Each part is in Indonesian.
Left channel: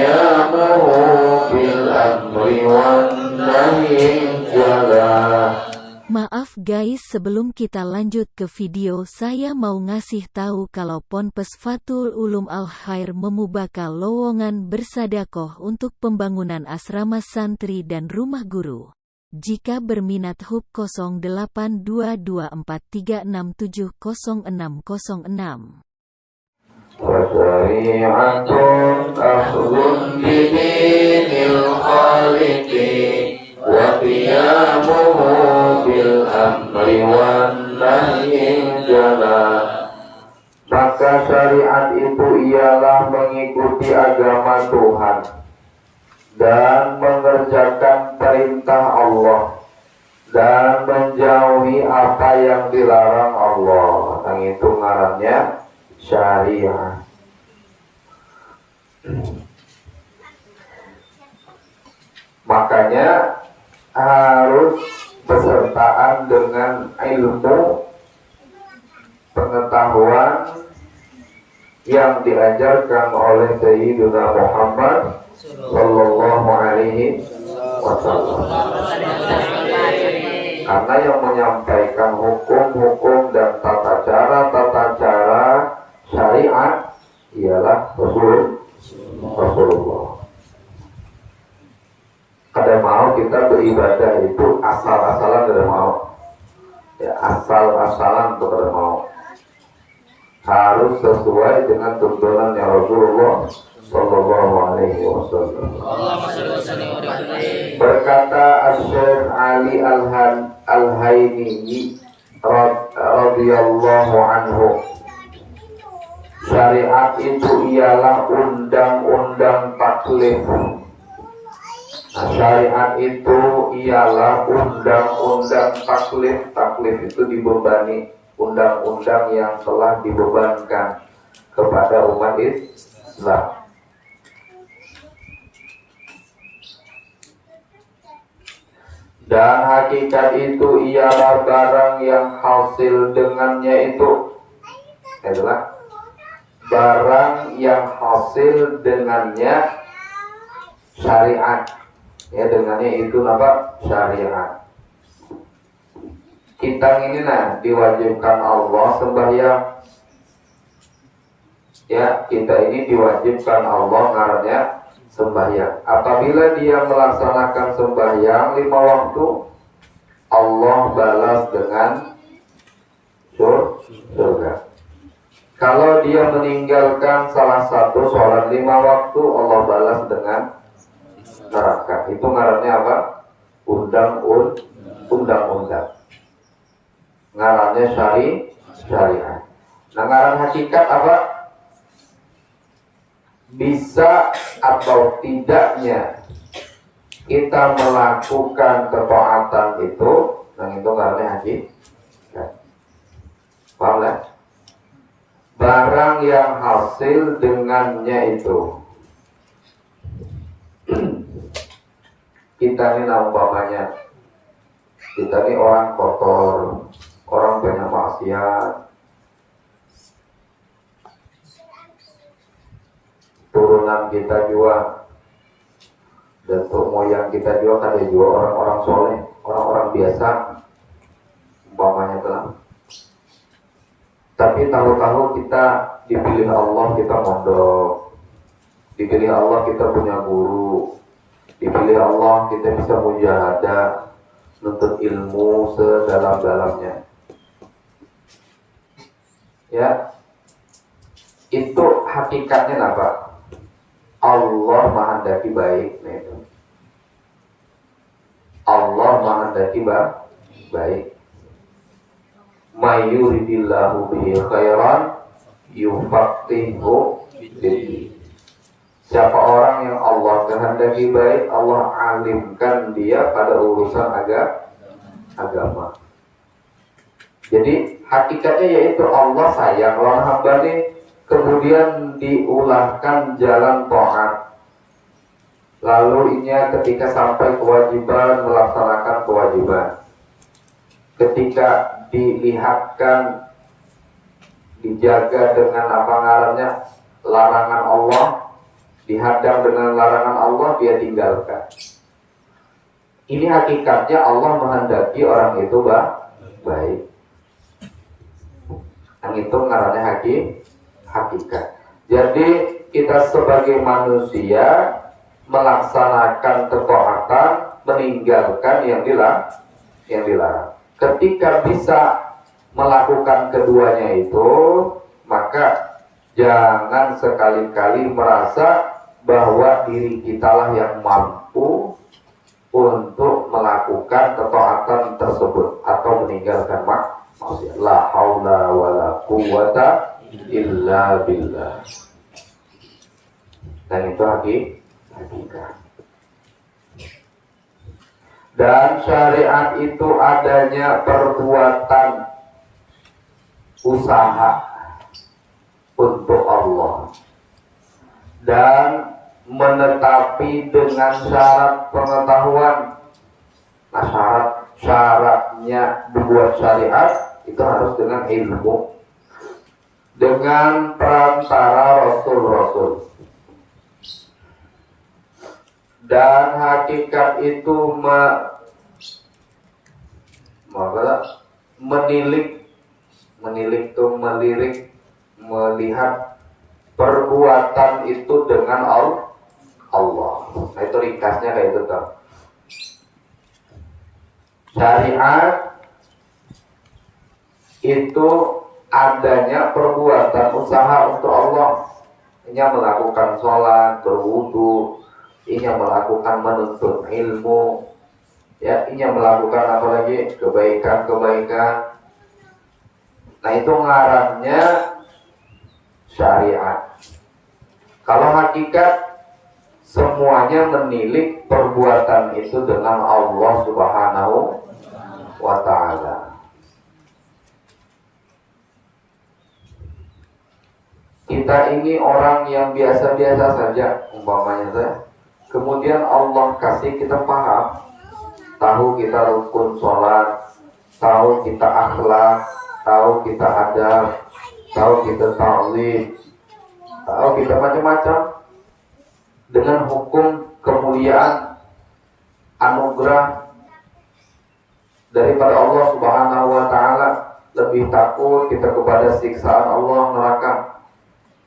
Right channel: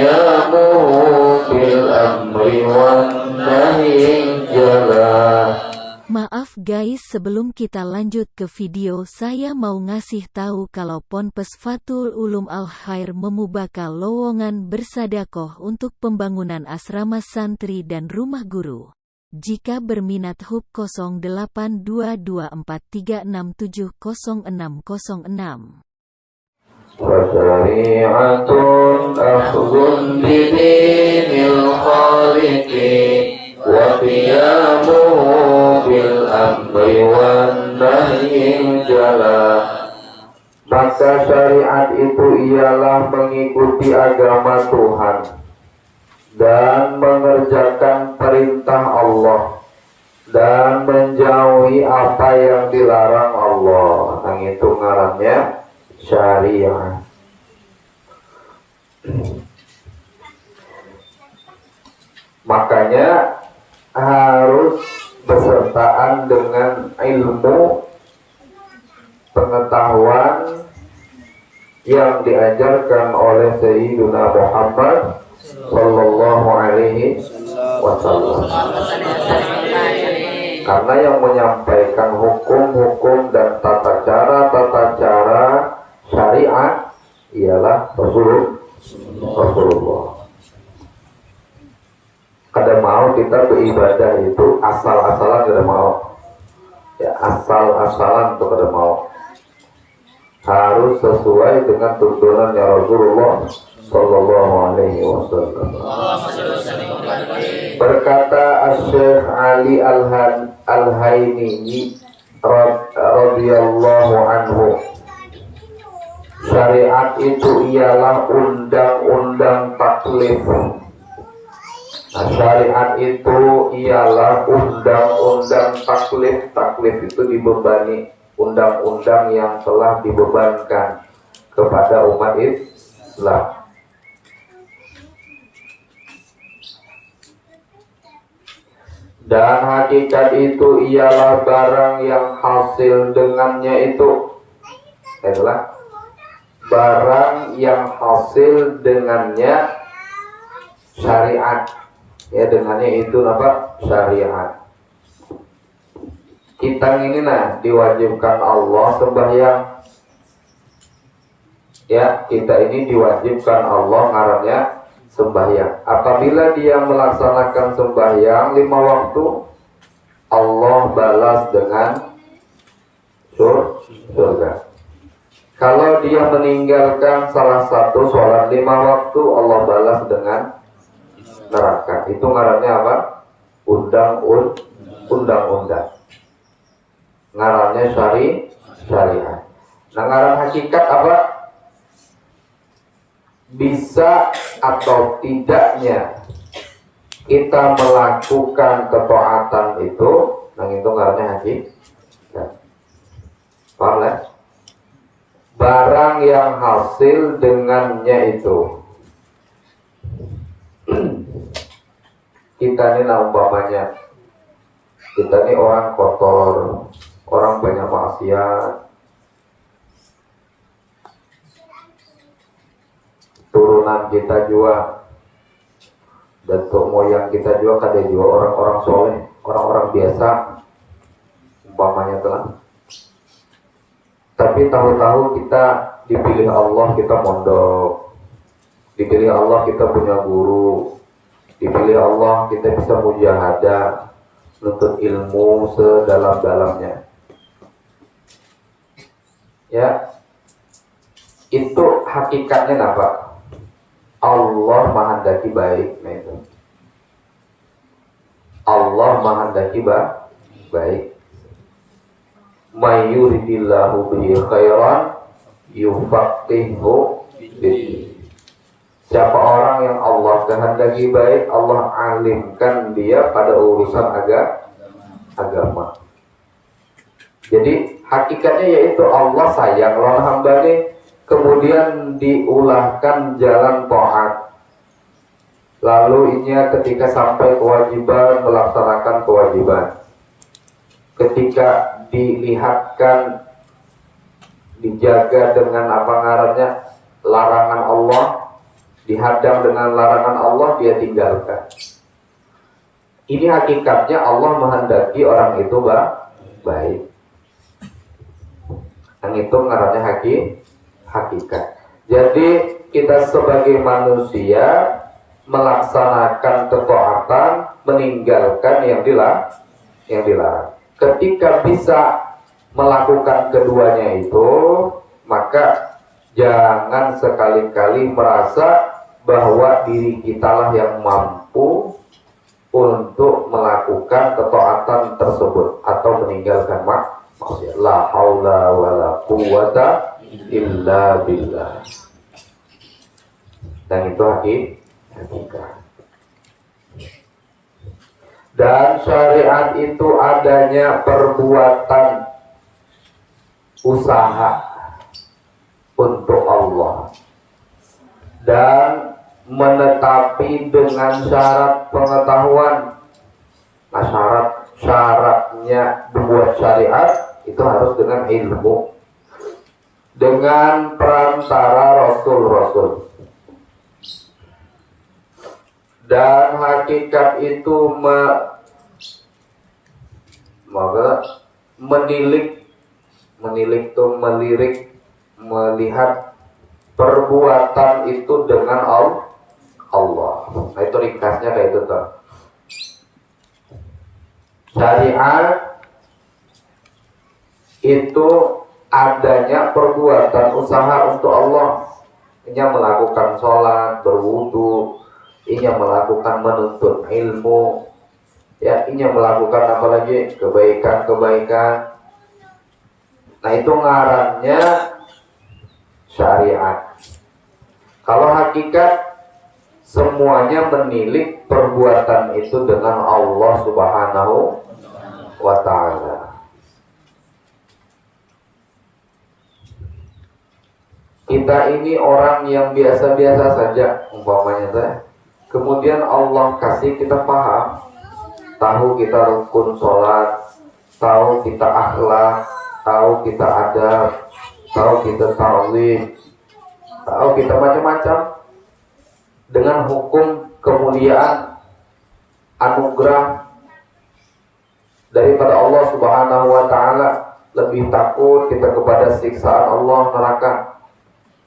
qiyamuhu bil amri wan nahyi jala. Maaf guys, sebelum kita lanjut ke video, saya mau ngasih tahu kalau Ponpes Fathul Ulum Al Khair membuka lowongan bersedekah untuk pembangunan asrama santri dan rumah guru. Jika berminat hub 082243670606. Syari'atun akhdun bidinil khaliqi wa qiyamuhu bil amri wan nahyi jala. Maka syariat itu ialah mengikuti agama Tuhan dan mengerjakan perintah Allah dan menjauhi apa yang dilarang Allah. Yang itu ngarannya syariat. Makanya harus bersertaan dengan ilmu pengetahuan yang diajarkan oleh Sayyidina Muhammad Sallallahu Alaihi Wasallam. Karena yang menyampaikan hukum-hukum dan tata cara syariat ialah Rasulullah. Kada mau kita beribadah itu asal-asalan, kada mau. Ya, asal-asalan itu kada mau. Harus sesuai dengan tuntunannya Rasulullah Sallallahu Alaihi Wasallam. Berkata Syekh Ali Al-Haimi radhiyallahu anhu, syariat itu ialah undang-undang taklif. Nah, syariat itu ialah undang-undang taklif. Taklif itu dibebani, undang-undang yang telah dibebankan kepada umat Islam. Dan hakikat itu ialah barang yang hasil dengannya itu adalah barang yang hasil dengannya syariat. Ya, dengannya itu apa? Syariat. Kita ini lah diwajibkan Allah sembahyang. Ya, kita ini diwajibkan Allah ngarannya sembahyang. Apabila dia melaksanakan sembahyang 5 waktu, Allah balas dengan surga. Kalau dia meninggalkan salah satu sholat 5 waktu, Allah balas dengan neraka. Itu ngarannya apa? Undang-undang. Ngarannya syariat. Nah, ngaran hakikat apa? Bisa atau tidaknya kita melakukan ketaatan itu, yang itu ngarannya hakikat. Paham lah? Barang yang hasil dengannya itu. Kita ini umpamanya, kita ini orang kotor, orang banyak maksiat, turunan kita juga, bentuk moyang kita juga kada juga orang-orang soleh, orang-orang biasa, umpamanya telah. Tapi tahu-tahu kita dipilih Allah, kita mondok, dipilih Allah kita punya guru, dipilih Allah kita bisa mujahadah, nuntut ilmu sedalam-dalamnya. Ya, itu hakikatnya apa? Allah menghendaki baik. Nah itu. Allah menghendaki baik. Mayuridillahu bihi khairan yufaqihu fiddin. Siapa orang yang Allah kehendaki baik, Allah alimkan dia pada urusan agama. Jadi hakikatnya yaitu Allah sayang lawan hamba ini, kemudian diulahkan jalan taat. Lalu ini ketika sampai kewajiban melaksanakan kewajiban. Ketika dilihatkan, dijaga dengan apa ngarannya larangan Allah, dihadang dengan larangan Allah, dia tinggalkan. Ini hakikatnya Allah menghendaki orang itu baik. Yang itu ngarannya hakikat. Jadi kita sebagai manusia melaksanakan ketaatan, meninggalkan yang dilarang. Ketika bisa melakukan keduanya itu, maka jangan sekali-kali merasa bahwa diri kitalah yang mampu untuk melakukan ketaatan tersebut atau meninggalkan maksiat. La haula wala quwata illa billah. Dan itu hakikat. Dan syariat itu adanya perbuatan usaha untuk Allah dan menetapi dengan syarat pengetahuan. Nah, syaratnya dibuat syariat itu harus dengan ilmu, dengan perantara rasul-rasul. Dan hakikat itu melirik, melihat perbuatan itu dengan Allah. Nah, itu ringkasnya kayak itu tuh. Syariat itu adanya perbuatan usaha untuk Allah. Ini melakukan sholat, berwudu, ini melakukan menuntut ilmu, ya, ini melakukan apa lagi, kebaikan. Nah, itu ngarannya syariat. Kalau hakikat, semuanya menilik perbuatan itu dengan Allah Subhanahu wa ta'ala. Kita ini orang yang biasa-biasa saja umpamanya, kemudian Allah kasih kita paham, tahu kita rukun sholat, tahu kita akhlak, tahu kita adab, tahu kita ta'lim, tahu kita macam-macam, dengan hukum kemuliaan, anugerah daripada Allah Subhanahu wa ta'ala. Lebih takut kita kepada siksaan Allah neraka,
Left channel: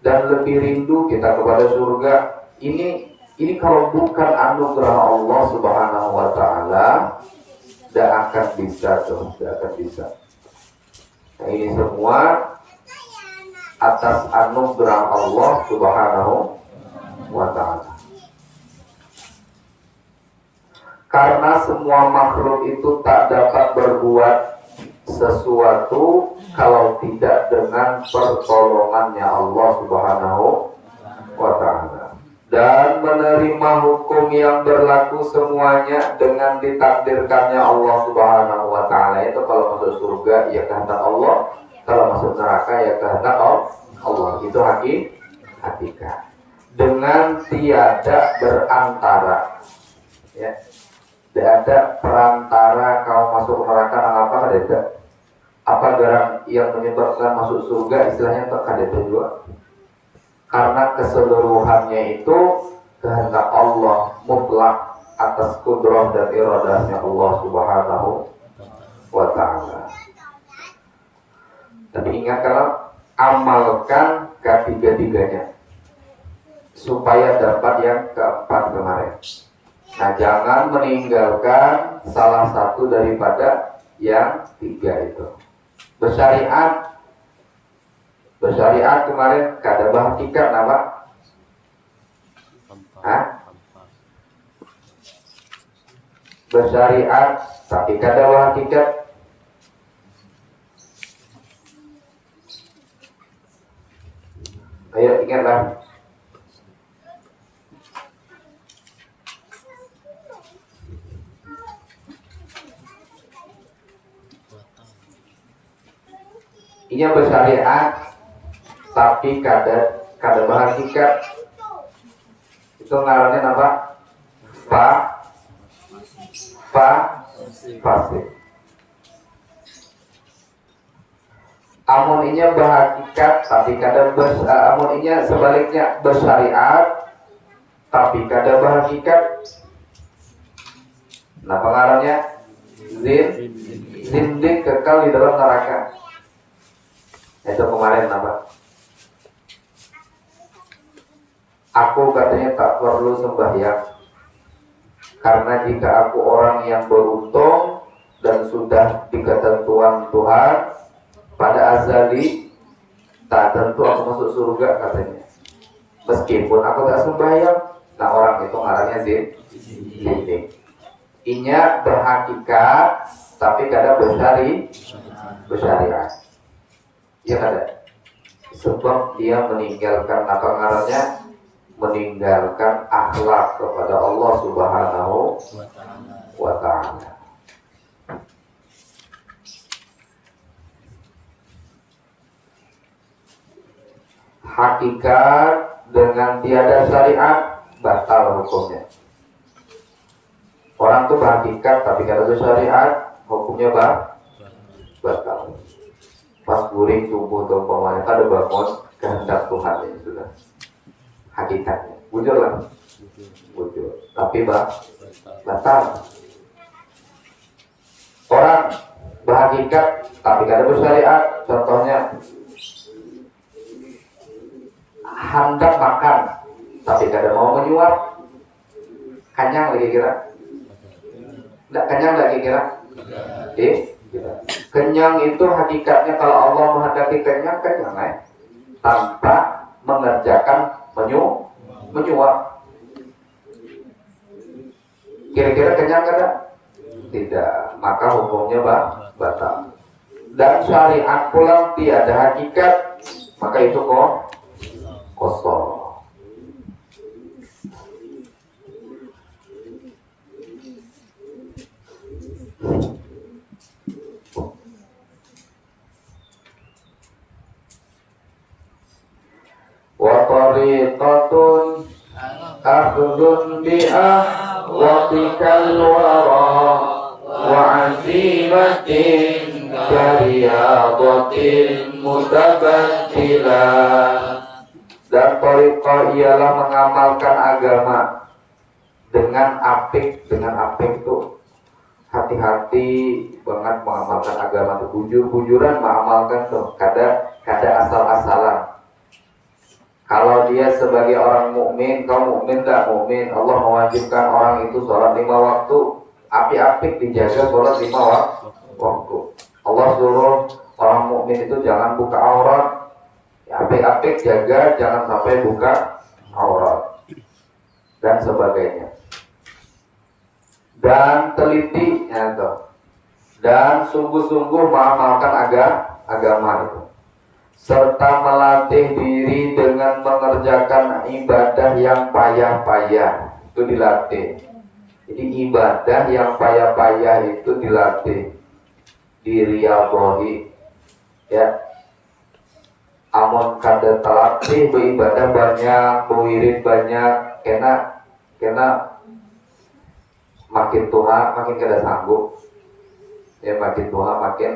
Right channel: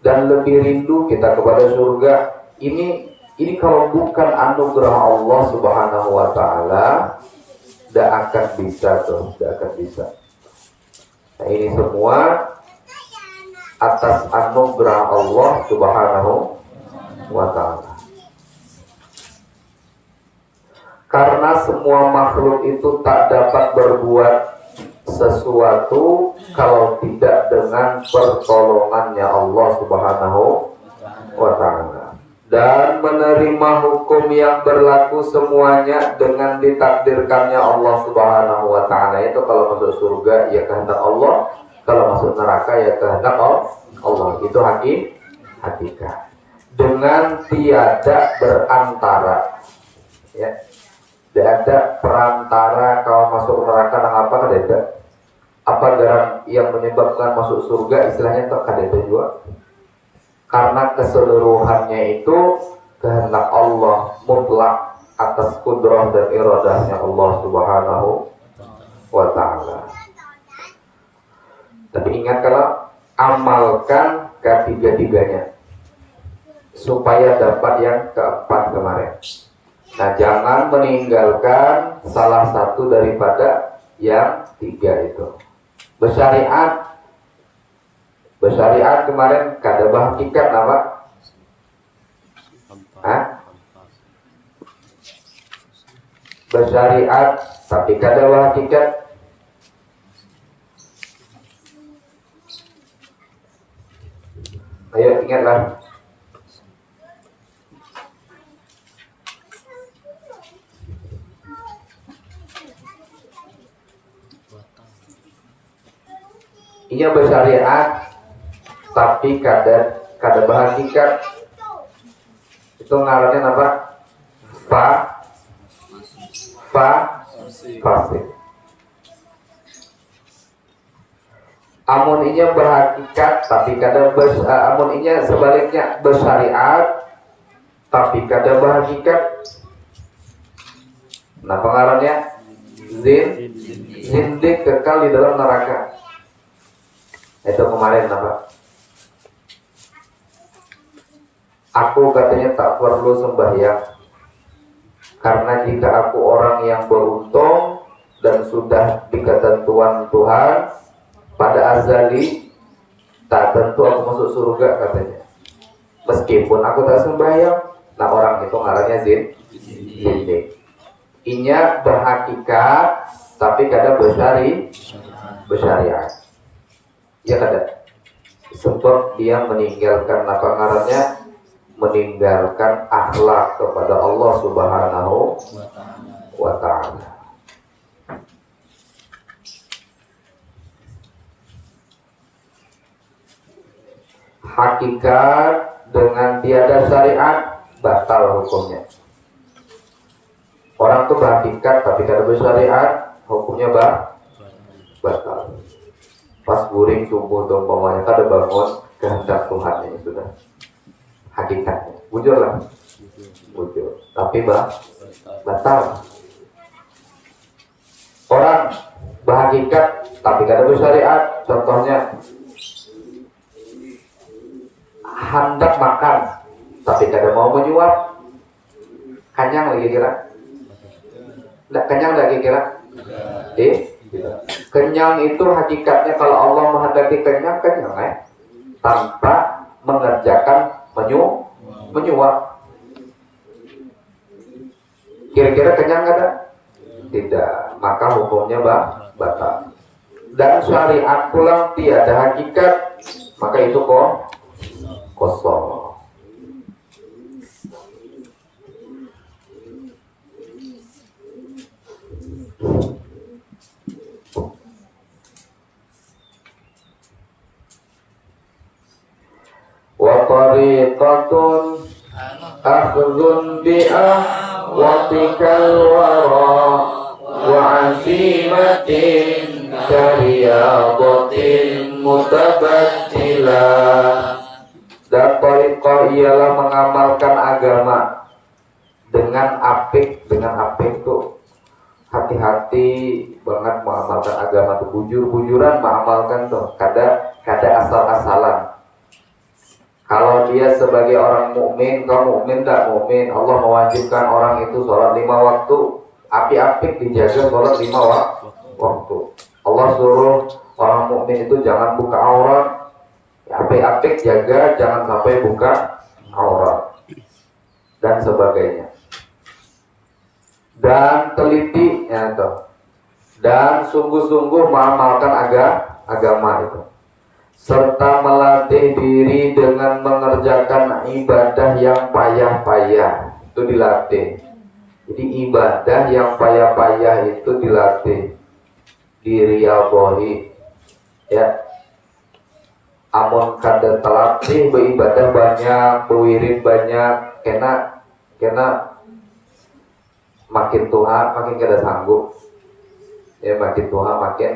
dan lebih rindu kita kepada surga. Ini kalau bukan anugerah Allah Subhanahu wa ta'ala, tidak akan bisa. Nah, ini semua atas anugerah Allah Subhanahu wa ta'ala. Karena semua makhluk itu tak dapat berbuat sesuatu kalau tidak dengan pertolongannya Allah Subhanahu wa ta'ala, dan menerima hukum yang berlaku semuanya dengan ditakdirkannya Allah Subhanahu wa ta'ala. Itu kalau masuk surga ya kehendak Allah, kalau masuk neraka ya kehendak Allah. Itu hakikat. Dengan tiada berantara, ya, tidak ada perantara. Kalau masuk neraka apa ada? Apa garam yang menyebabkan masuk surga, istilahnya tak ada juga. Karena keseluruhannya itu kehendak Allah mutlak atas kudrah dan iradahnya Allah Subhanahu wa ta'ala. Tapi ingat, kalau amalkan ketiga-tiganya supaya dapat yang keempat kemarin. Nah, jangan meninggalkan salah satu daripada yang tiga itu. Bersyariat kemarin kada hakikat apa? Bersyariat tapi kada hakikat. Ayo ingatlah. Ini bersyariat tapi kada berhakikat. Itu ngarannya apa? Fasik. Amun inya berhakikat tapi kada amun inya sebaliknya bersyariat tapi kada berhakikat. Nah pengaruhnya zindik kekal di dalam neraka. Itu kemarin apa? Aku katanya tak perlu sembahyang karena jika aku orang yang beruntung dan sudah di ketentuan Tuhan pada azali, tak tentu aku masuk surga katanya. Meskipun aku tak sembahyang. Nah orang itu ngarannya zindik. Inya berhakikat tapi kada bersyariat. Ya kada. Sebab dia meninggalkan apa ngarannya? Meninggalkan akhlak kepada Allah Subhanahu wa ta'ala. Hakikat dengan tiada syariat batal hukumnya. Orang tuh berhakikat tapi kada bersyariat, hukumnya batal. Pas guring subuh tuh umpamanya kada bangun kehendak Tuhan ini sudah hakikatnya. Bujur lah. Bujur. Tapi batal. Orang berhakikat tapi kada bersyariat, contohnya hendak makan tapi kada mau menyuap, kenyang lagi kira? Tidak kenyang lagi kira? Kenyang itu hakikatnya kalau Allah menghendaki kenyang tanpa mengerjakan menyuap. Kira-kira kenyang kada? Tidak, maka hukumnya batal. Dan syariat pulang tiada hakikat, maka itu kosong. Wa tariqatun akhdhun bi ahwatikal wara wa azimatin kariyadatin mutabattilah. Dan tariqah ialah mengamalkan agama dengan apik. Dengan apik tuh hati-hati banget mengamalkan agama tuh, bujur-bujuran mengamalkan tuh, kada asal-asalan. Kalau dia sebagai orang mukmin, kau mukmin tak mukmin, Allah mewajibkan orang itu sholat 5 waktu, apik-apik dijaga sholat 5 waktu. Allah suruh orang mukmin itu jangan buka aurat, apik-apik jaga jangan sampai buka aurat dan sebagainya. Dan teliti ya toh. Dan sungguh-sungguh mengamalkan agama itu, serta melatih diri dengan mengerjakan ibadah yang payah-payah. Itu dilatih. Jadi ibadah yang payah-payah itu dilatih, diriyadhahi ya. Amun kada terlatih beribadah banyak, berwirid banyak, kena makin tua makin kada sanggup ya, makin tua makin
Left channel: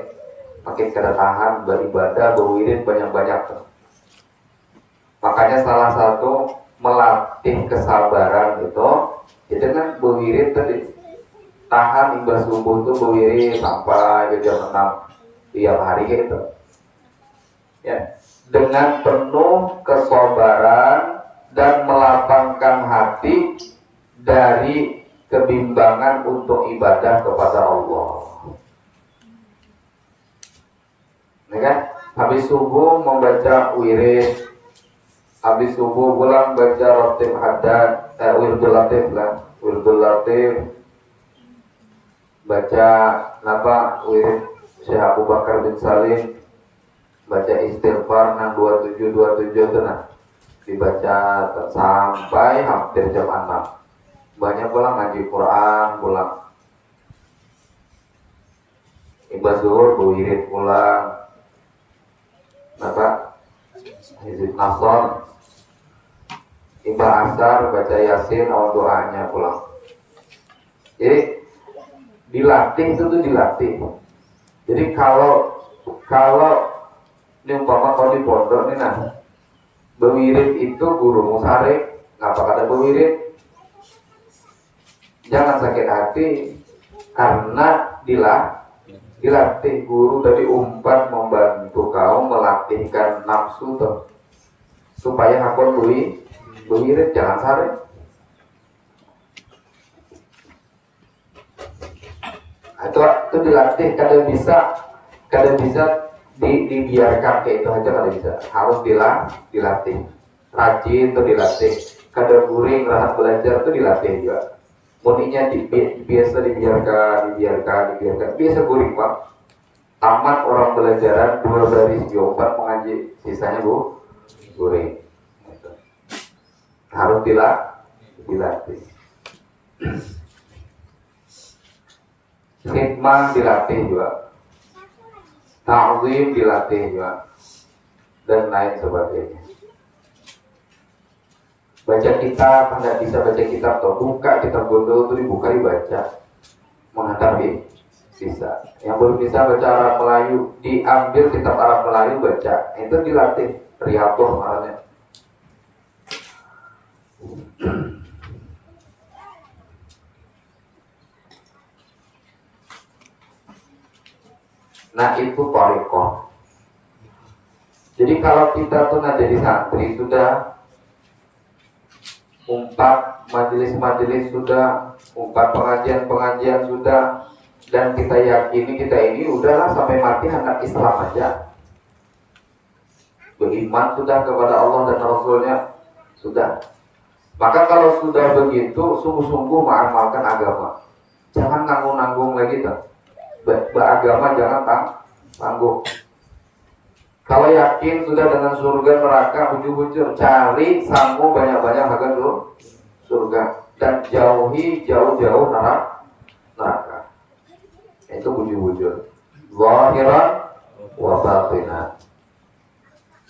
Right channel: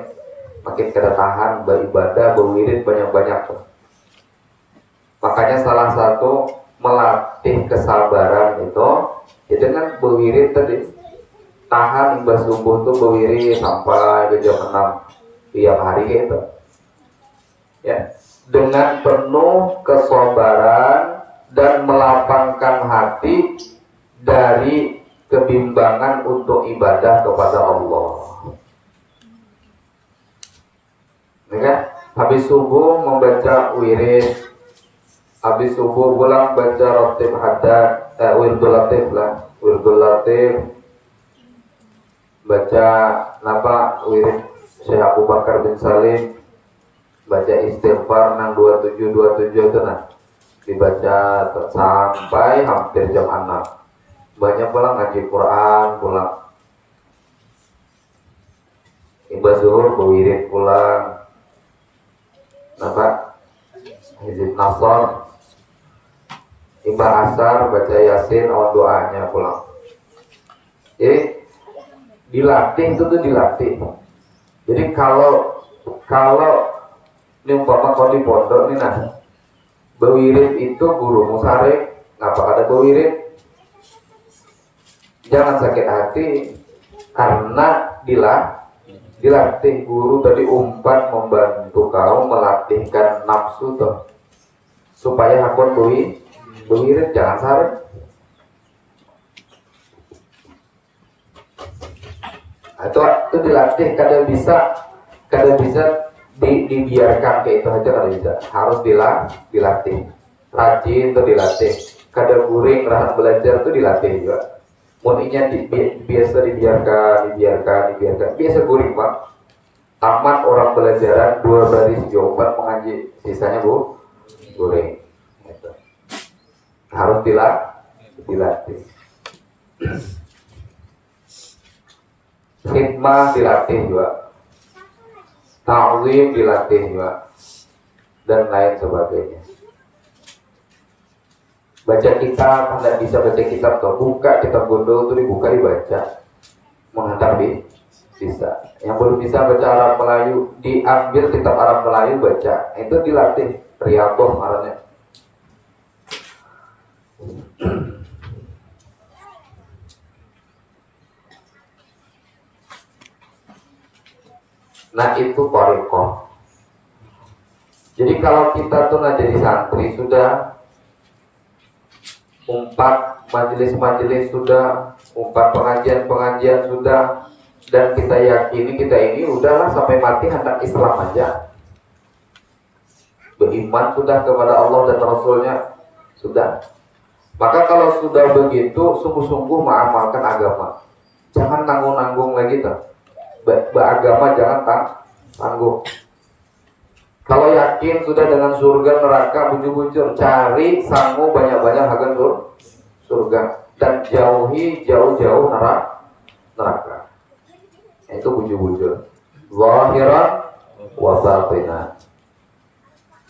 kada tahan beribadah, berwirid banyak-banyak tuh. Makanya salah satu melatih kesabaran itu ya dengan berwirid tadi, tahan imbas subuh tuh berwirid sampai ke jam 6 tiap hari gitu ya, dengan penuh kesabaran dan melapangkan hati dari kebimbangan untuk ibadah kepada Allah. Ya, habis subuh membaca wirid, habis subuh pulang baca ratib haddad, wirdul latif, baca wirid Syekh Abu Bakar bin Salim, baca istighfar 627 itu dibaca sampai hampir jam 6. Banyak pulang ngaji Quran, pulang ibadah zuhur berwirid pulang, hizib nasr, ibadah asar baca yasin, awal doanya pulang. Jadi dilatih itu tuh dilatih. Jadi kalau ini kalau di pondok ini berwirid itu guru musarek, ngapa kada berwirid? Jangan sakit hati karena dilatih guru tadi umpan membantu kamu melatihkan nafsu tuh supaya hakon buirit jangan sare. Itu dilatih kada bisa dibiarkan kayak itu aja kada bisa. Harus dilatih. Rajin tuh dilatih. Kada guring rahat belajar tuh dilatih juga. Muninya biasa dibiarkan. Biasa guring Pak. Tamat orang belajaran 2 baris jawaban mengaji, sisanya guring. Gitu. Harus dilatih. Khidmah dilatih juga, ta'zim dilatih juga, dan lain sebagainya. Baca kitab, nggak bisa baca kitab tuh, buka kitab gondol tuh dibuka dibaca, menghadap bisa. Yang belum bisa baca Arab Melayu, diambil kitab Arab Melayu baca, itu dilatih, riyadhah namanya. Nah itu thariqah. Jadi kalau kita tuh nggak jadi santri sudah, umpat majelis-majelis sudah, umpat pengajian sudah, dan kita yakini kita ini udahlah sampai mati hendak Islam aja, beriman sudah kepada Allah dan Rasulnya sudah. Maka kalau sudah begitu sungguh-sungguh mengamalkan agama, jangan tanggung-tanggung lagi tuh. Beragama jangan tanggung. Kalau yakin sudah dengan surga neraka bujur-bujur, cari sanggup banyak-banyak agar surga dan jauh-jauh neraka. Itu bujur-bujur. Zahiran wa batinan.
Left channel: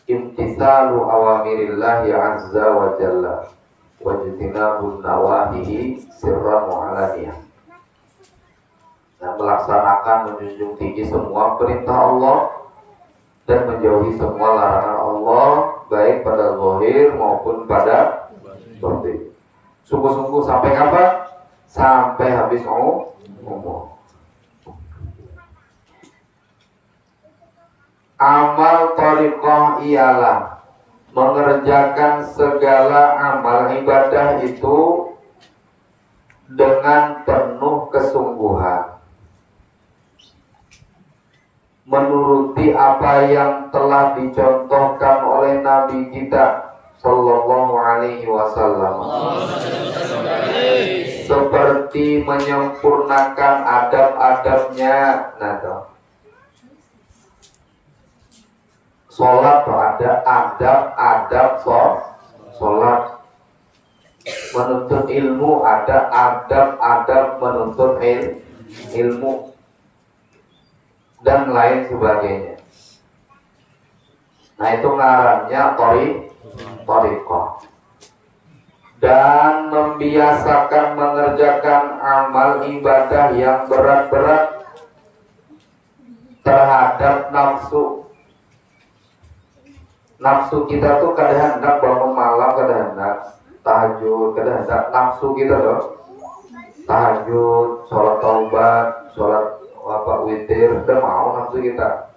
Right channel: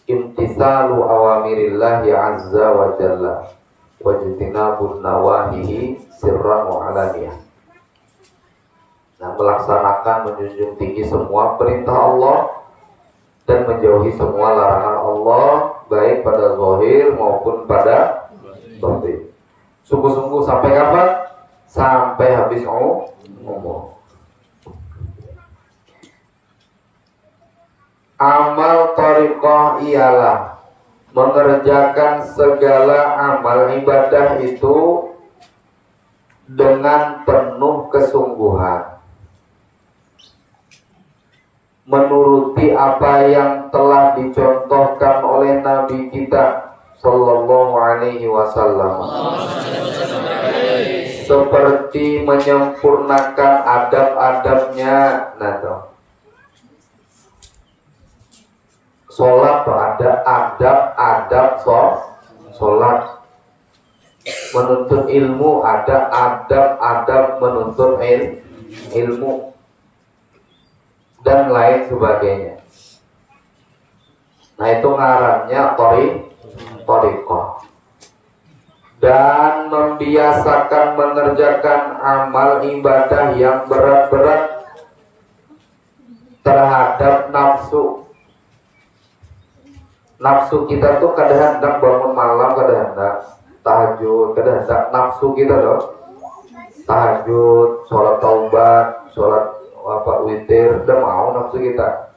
Imtisalu awamirillahi azza wa jalla wa jitinabun nawahihi sirran wa alaniyah. Nah, melaksanakan menjunjung tinggi semua perintah Allah dan menjauhi semua larangan Allah baik pada zahir maupun pada batin. Sungguh-sungguh sampai kapan? Sampai habis umur. Amal thariqah ialah mengerjakan segala amal ibadah itu dengan penuh kesungguhan, menuruti apa yang telah dicontohkan oleh Nabi kita Sallallahu Alaihi Wasallam, seperti menyempurnakan adab-adabnya. Nah, sholat tuh ada adab-adab sholat, menuntut ilmu ada adab-adab menuntut ilmu, dan lain sebagainya. Nah itu ngarannya thariqah. Dan membiasakan mengerjakan amal ibadah yang berat-berat terhadap nafsu. Nafsu kita tuh kadang hendak bangun malam, kadang hendak tahajud, kadang hendak nafsu kita loh tahajud, sholat taubat, sholat witir, udah mau nafsu kita.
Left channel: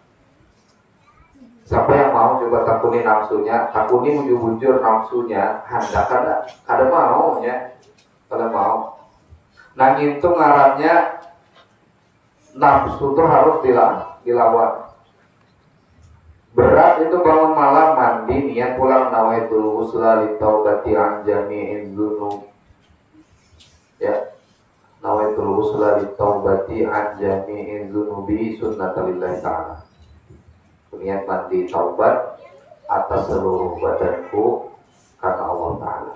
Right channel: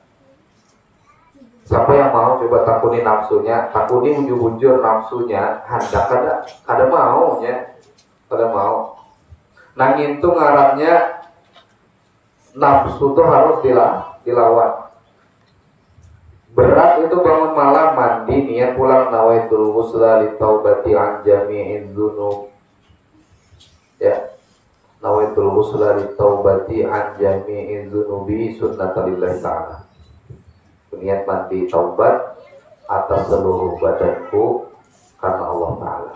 Siapa yang mau coba takuni nafsunya, takuni bujur-bujur nafsunya, hendak ada maunya, ada mau. Nah itu ngarannya nafsu tuh harus dilawan. Berat itu bangun malam mandi niat pulang nawaitul ghusla li taubati an jami'id dzunub. Ya. Nawaitul ghusla li taubati an jami'id dzunubi sunnatulillahi ta'ala. Niat mandi taubat atas seluruh badanku karena Allah Ta'ala.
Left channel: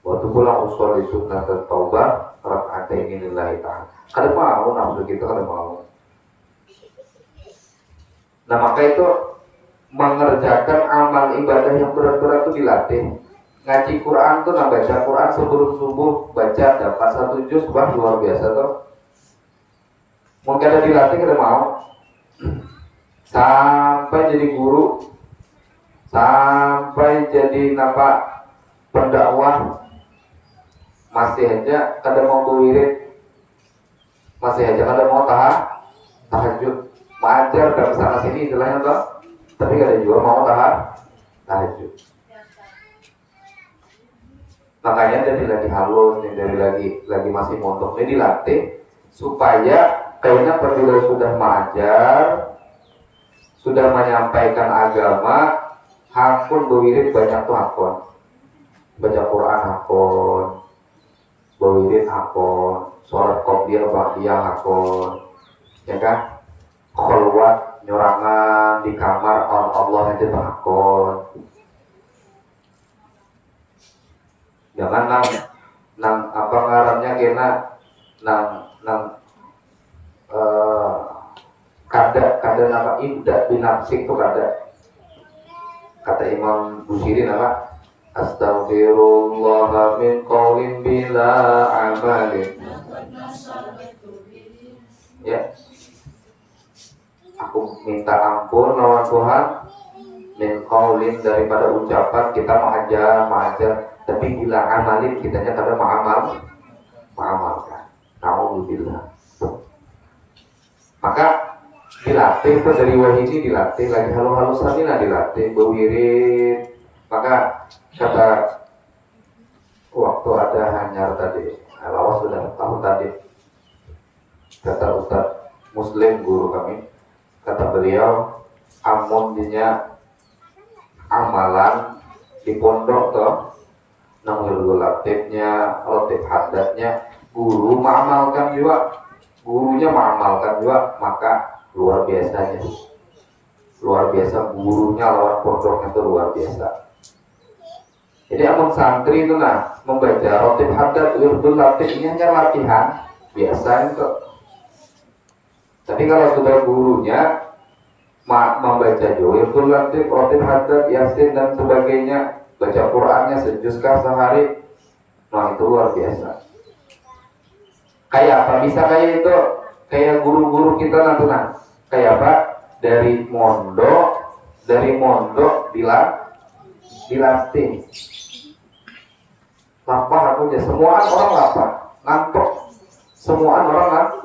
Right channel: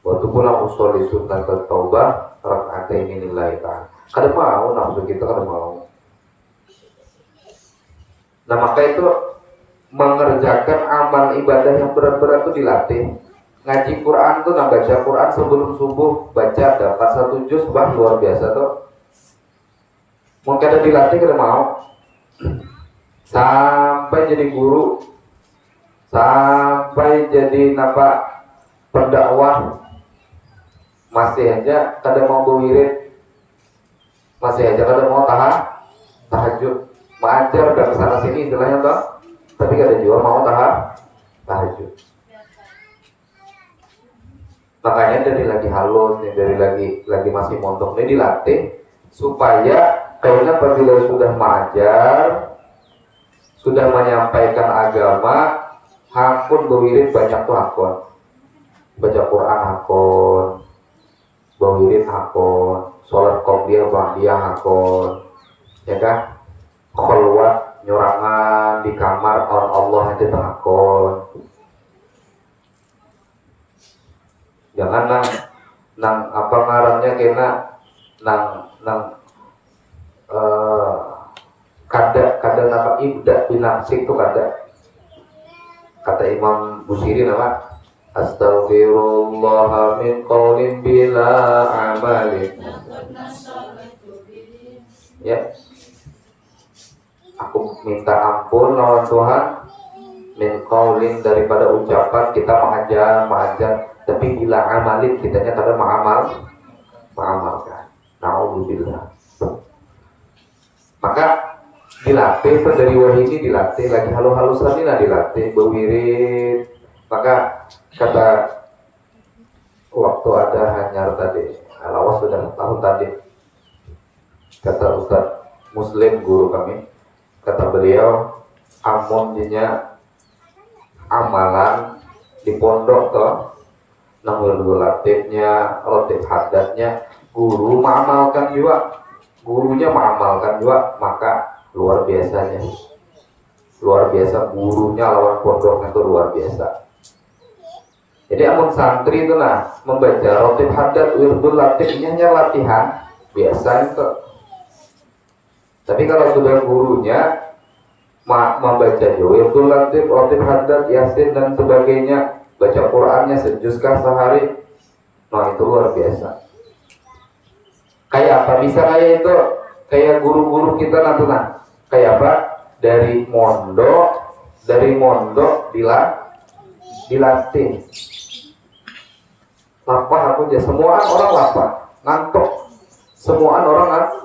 Waktu pulang usul di sunnat taubat raka'atain lillahi ta'ala. Kada mau nafsu kita, kada mau. Nah maka itu mengerjakan amal ibadah yang berat-berat itu dilatih. Ngaji Quran tuh, nah baca Quran sebelum subuh baca dapat 1 juz, bah luar biasa tuh. Mungkin ada dilatih kita mau sampai jadi guru, sampai jadi pendakwah, masih aja kadang mau berwirid, masih aja kadang mau tahajud, mengajar dan sana sini istilahnya toh, tapi kadang juga mau tahajud. Makanya dari lagi halus, dari lagi masih mondok, ini dilatih supaya kayaknya apabila sudah mengajar, sudah menyampaikan agama, hakun berwirid banyak tuh hakun, baca Quran hakun, berwirid hakun, sholat qobliyah ba'diyah hakun, ya kan? Kholwat nyurangan di kamar Allah itu hakun. Jangan nang apa ngarannya kena nang kada nama ibda binafsik tuh kada. Kata Imam Busiri nama astaghfirullah min qaulin bila amalin. Ya, aku minta ampun lawan Tuhan min qaulin daripada ucapan kita mengajar, tapi bila amalin kitanya kada mengamalkan. Nauzubillah. Maka dilatih itu dari wahyu ini dilatih lagi halus-halus tadi lah dilatih berwirid. Maka kata waktu ada hanyar tadi, lawas sudah tahun tadi, kata Ustaz Muslim guru kami, kata beliau amonnya amalan di pondok toh, namun dulu latifnya, latif hadatnya, guru mengamalkan juga, gurunya mengamalkan juga, maka luar biasanya, luar biasa gurunya lawan pondoknya itu luar biasa. Jadi amun santri itu lah membaca latif hadat, wirdul latif ini hanya latihan biasa itu. Tapi kalau sudah gurunya membaca wirdul latif, latif hadat, yasin dan sebagainya, baca Qurannya sejuzkah sehari, nah itu luar biasa. Kayak apa? Bisa kayak itu, kayak guru-guru kita nanti kayak apa? Dari mondok dilatih. Lapar aku aja, semua orang lapar, ngantuk. Semua orang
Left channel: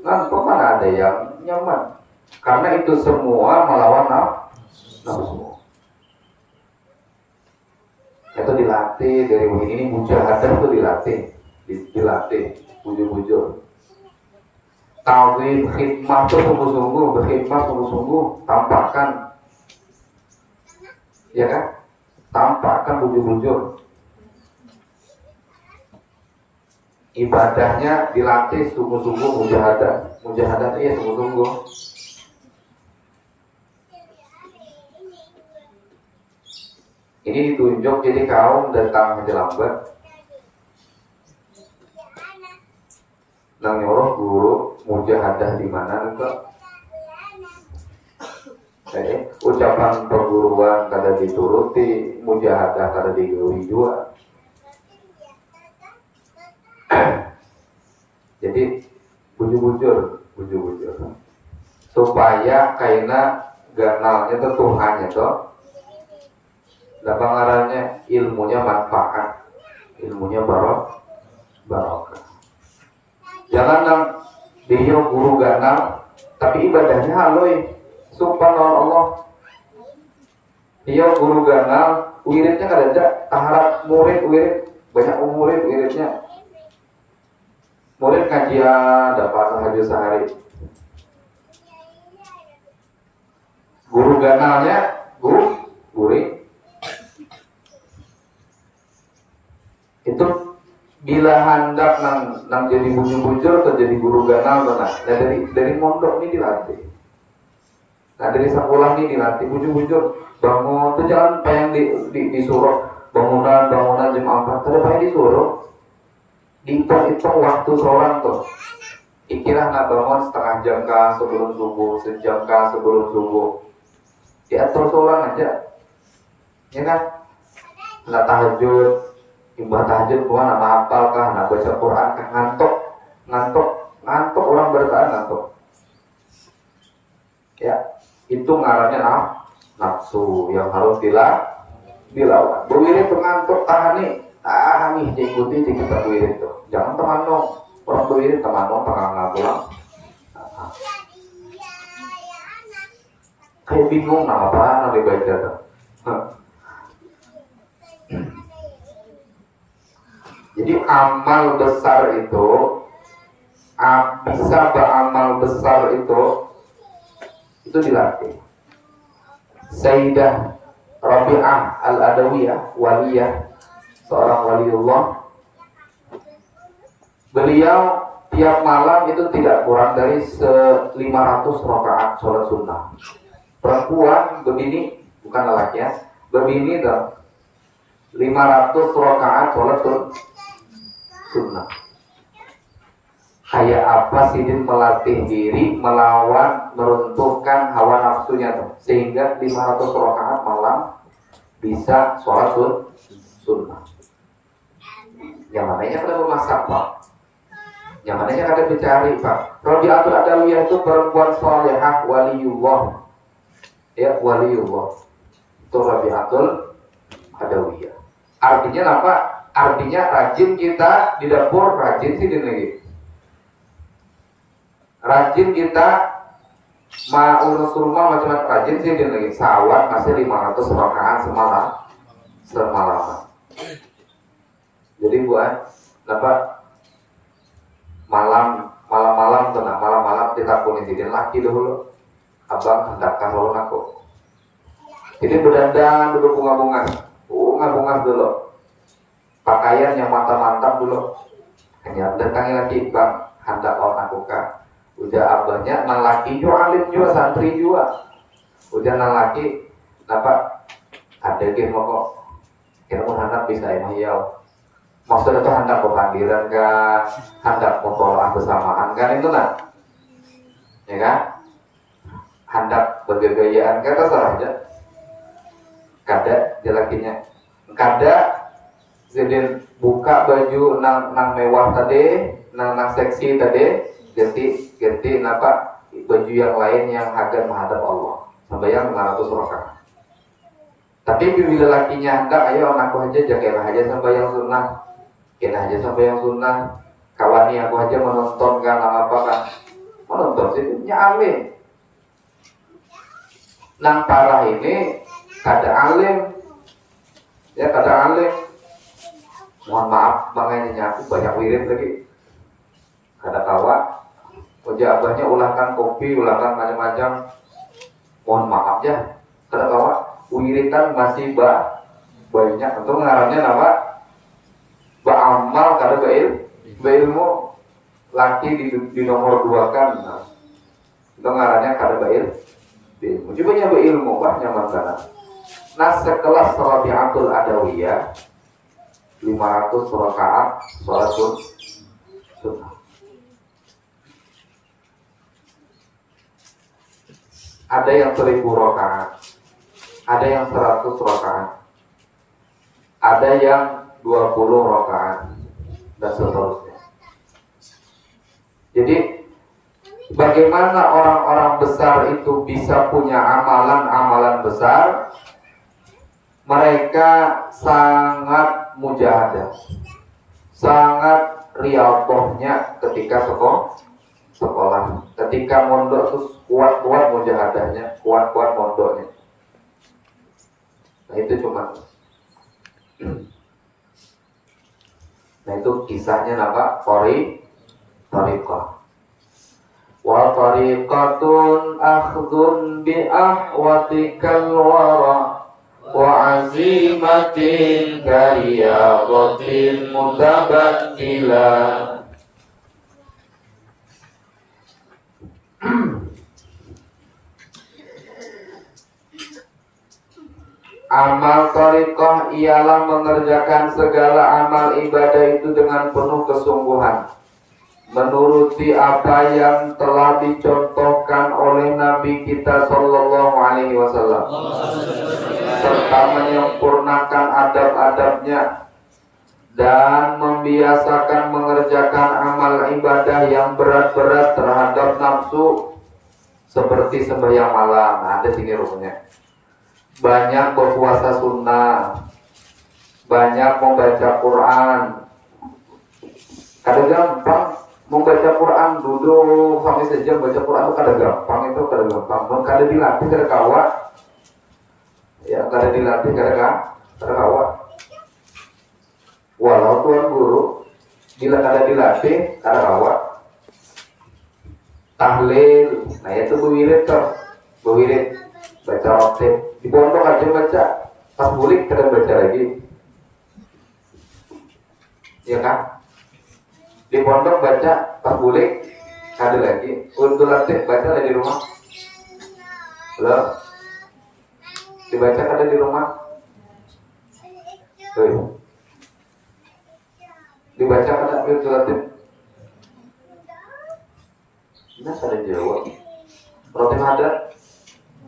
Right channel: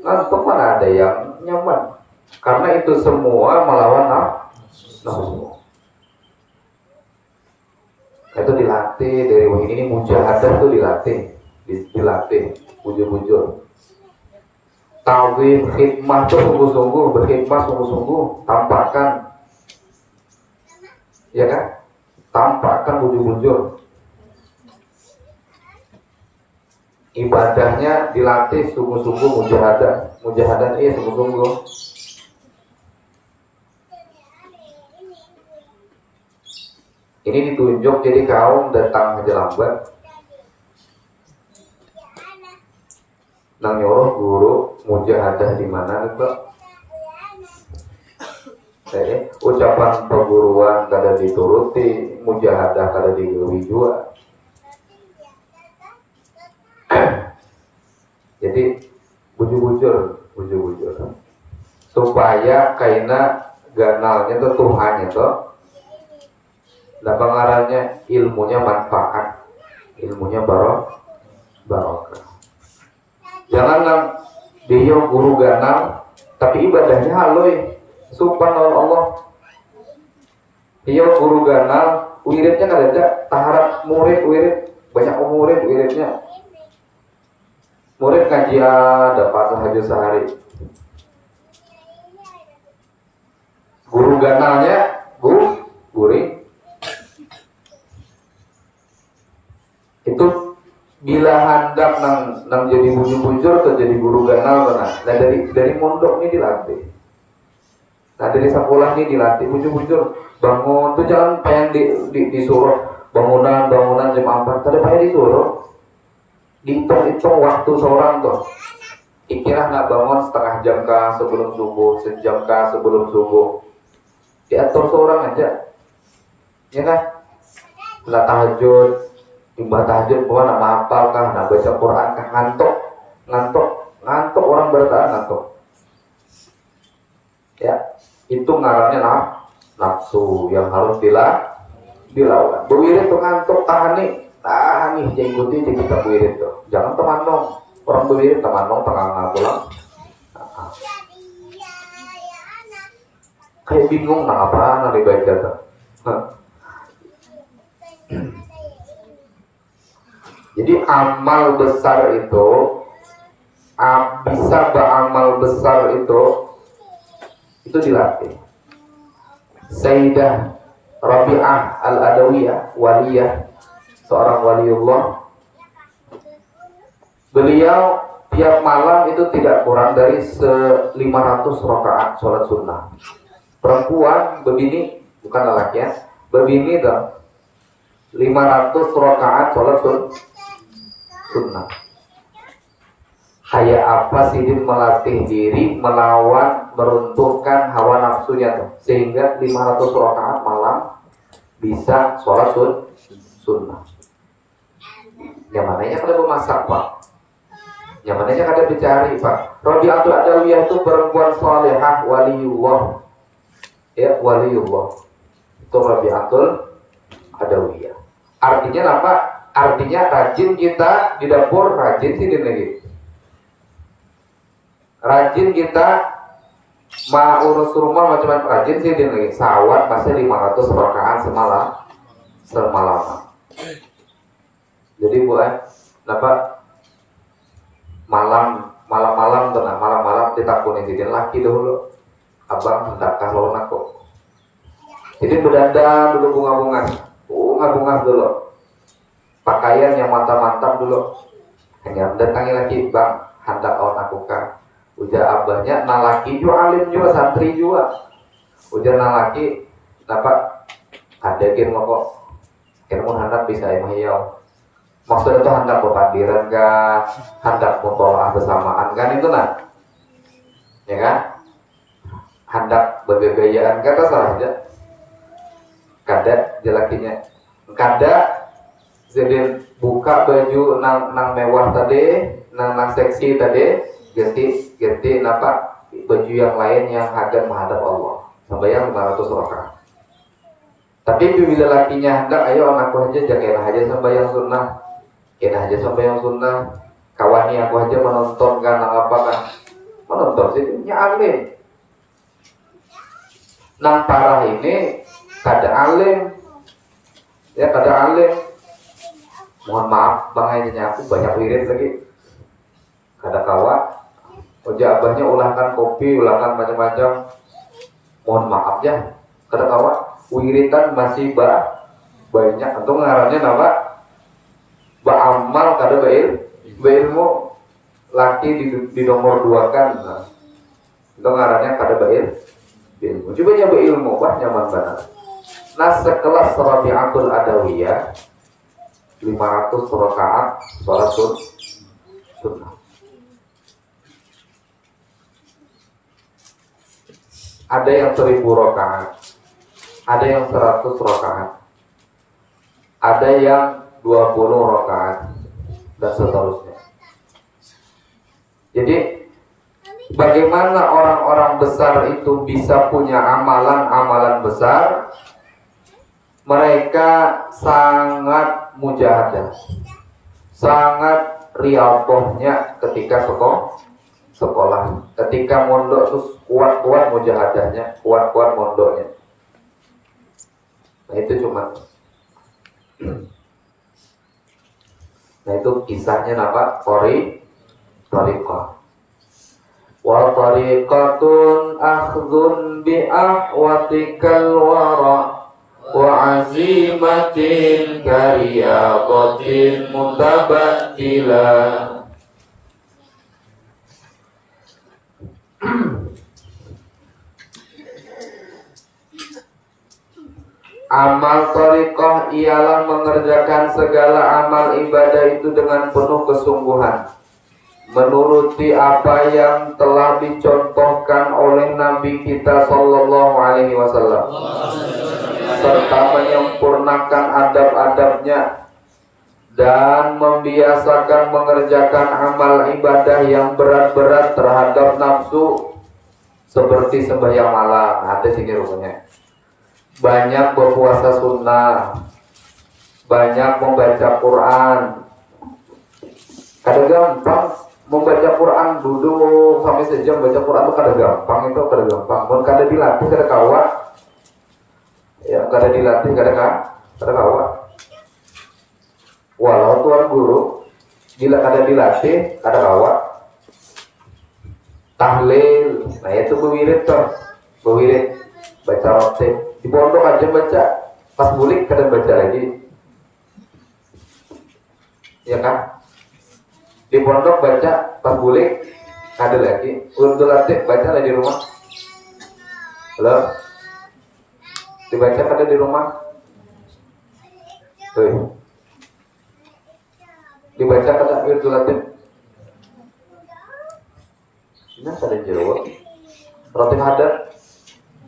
ngantuk, mana ada yang nyaman? Karena itu semua melawan nafsu. Itu dilatih dari ini mujahadah itu dilatih bujur-bujur. Tawif khidmah itu sungguh-sungguh, berkhidmah sungguh-sungguh, tampakkan, ya kan? Tampakkan bujur-bujur. Ibadahnya dilatih sungguh-sungguh, mujahadah sungguh-sungguh. Ini ditunjuk jadi kaum datang haji lambat. Nang Allah guru mujahadah di mana itu? Jadi ucapan perguruan kada dituruti, mujahadah kada digeluhi juga. Jadi bujur-bujur supaya kaina ganalnya itu Tuhan itu. Dan pengarangnya ilmunya manfaat, ilmunya barokah. Jangan dia guru ganal, tapi ibadahnya halus. Subhanallah. Dia guru ganal, wiridnya kan ada, taharap murid, banyak murid wiridnya. Murid kajian dapat tahajud sehari. Guru ganalnya, guru itu bila hendak nang jadi bujur-bujur atau jadi guru ganal benar. Dan dari mondok ini dilatih. Nah dari sekolah ini dilatih bujur-bujur. Bangun tuh jangan pengen disuruh bangunan jam 4 tadi pengen disuruh. Hitung waktu seorang tuh. Ikirah nak bangun setengah jam kah sebelum subuh, sejam kah sebelum subuh. Diatur seorang aja. Ya kan? Lah tahajud, ibadah tahajud bukan nak hafal kah, nak baca Quran kah, ngantuk orang bertahan ngantuk. Ya, itu ngarannya nafsu yang harus dilawan. Berwirid itu ngantuk tahan nih, nih jadi ikuti jadi kita wirid tuh. Jangan teman dong, orang wirid teman dong tengah ngabulang. Kayak bingung nah apa nanti baca tuh. Jadi amal besar itu bisa beramal besar itu dilatih. Sayyidah Rabi'ah Al-Adawiyah, waliyah, seorang waliullah. Beliau tiap malam itu tidak kurang dari 500 rakaat sholat sunnah. Perempuan berbini, bukan lelaki ya, berbini dong. 500 rakaat sholat sunnah. Kayak apa sih dia melatih diri melawan meruntuhkan hawa nafsunya tuh, sehingga 500 rakaat malam bisa sholat sunnah. Yang mananya kada memasak pak, yang mananya kada dicari pak. Rabi'atul Adawiyah itu perempuan salihah, waliullah, ya waliullah. Itu Rabi'atul Adawiyah. Artinya apa? Artinya rajin kita di dapur, rajin sih lagi. Rajin kita mau urus rumah macam-macam, rajin sih lagi. Sawat masih 500 rakaat semalam. Jadi buat apa? Malam ditakuni jadi laki dulu. Abang hendak kalau aku. Jadi berdandan dulu bunga dulu. Pakaian yang mantap dulu. Yang datangi lagi bang hendak orang aku kan. Udah abahnya nalaki alim juga, santri juga. Udah nalaki apa? Ada game kok. Kamu hendak bisa emahiyau. Maksudnya itu hendak berpandiran kan, hendak mutolaah bersamaan kan itu kan? Ya kan? Hendak bergayaan kan salah aja. Kada jelakinya. Kada jadi buka baju nang mewah tadi, nang seksi tadi, ganti apa baju yang lain yang agar menghadap Allah. Sembahyang 500 rakaat. Tapi bila lakinya hendak, ayo anakku aja jangan aja sembahyang sunnah. Kena aja sembahyang sunnah. Kawani aku aja menonton kan apa kan. Menonton sih alim. Nang parah ini kada alim. Ya kada alim. Mohon maaf bang hanya aku banyak wirid tadi. Kada kawa. Oja abahnya ulahkan kopi, ulahkan macam-macam. Mohon maaf ya. Kada kawa. Wirid kan masih banyak. Untuk mengarahnya apa? Beramal kada berilmu laki di nomor 2 kan. Nah, itu ngarannya kada berilmu. Coba nya berilmu bah nyaman banget. Nah sekelas Rabi'atul Adawiyah 500 rakaat sholat sunnah. Ada yang 1000 rakaat, ada yang 100 rakaat, ada yang 20 rakaat dan seterusnya. Jadi bagaimana orang-orang besar itu bisa punya amalan-amalan besar? Mereka sangat mujahadah, sangat riyadhahnya ketika sekolah. Ketika mondok terus kuat-kuat mujahadahnya, kuat-kuat mondoknya. Nah itu cuma. Nah itu kisahnya apa? Tariqah. Wa tariqatun akhdun bi ahwatikal wara wa azimatin kariyaqatin mutabattila. Amal thariqah ialah mengerjakan segala amal ibadah itu dengan penuh kesungguhan, menuruti apa yang telah dicontohkan oleh Nabi kita Sallallahu Alaihi Wasallam, serta menyempurnakan adab-adabnya dan membiasakan mengerjakan amal ibadah yang berat-berat terhadap nafsu seperti sembahyang malam. Ada sini rukunnya. Banyak berpuasa sunnah, banyak membaca Quran. Kadang gampang membaca Quran, duduk sampai sejam baca Quran itu kadang gampang, itu kadang gampang. Kalau kadang dilatih kadang kawa, ya kadang dilatih kadang kawa. Walau tuan guru bila kadang dilatih kadang kawa. Tahlil, nah itu berwirid baca waktu di pondok aja baca, pas bulik kadang baca lagi, ya kan? Di pondok baca, pas bulik ada lagi. Untuk latih baca lagi di rumah. Halo, dibaca kadang di rumah. Tuh. Dibaca kadang untuk latih. Nah, ada jawab. Roti hadat.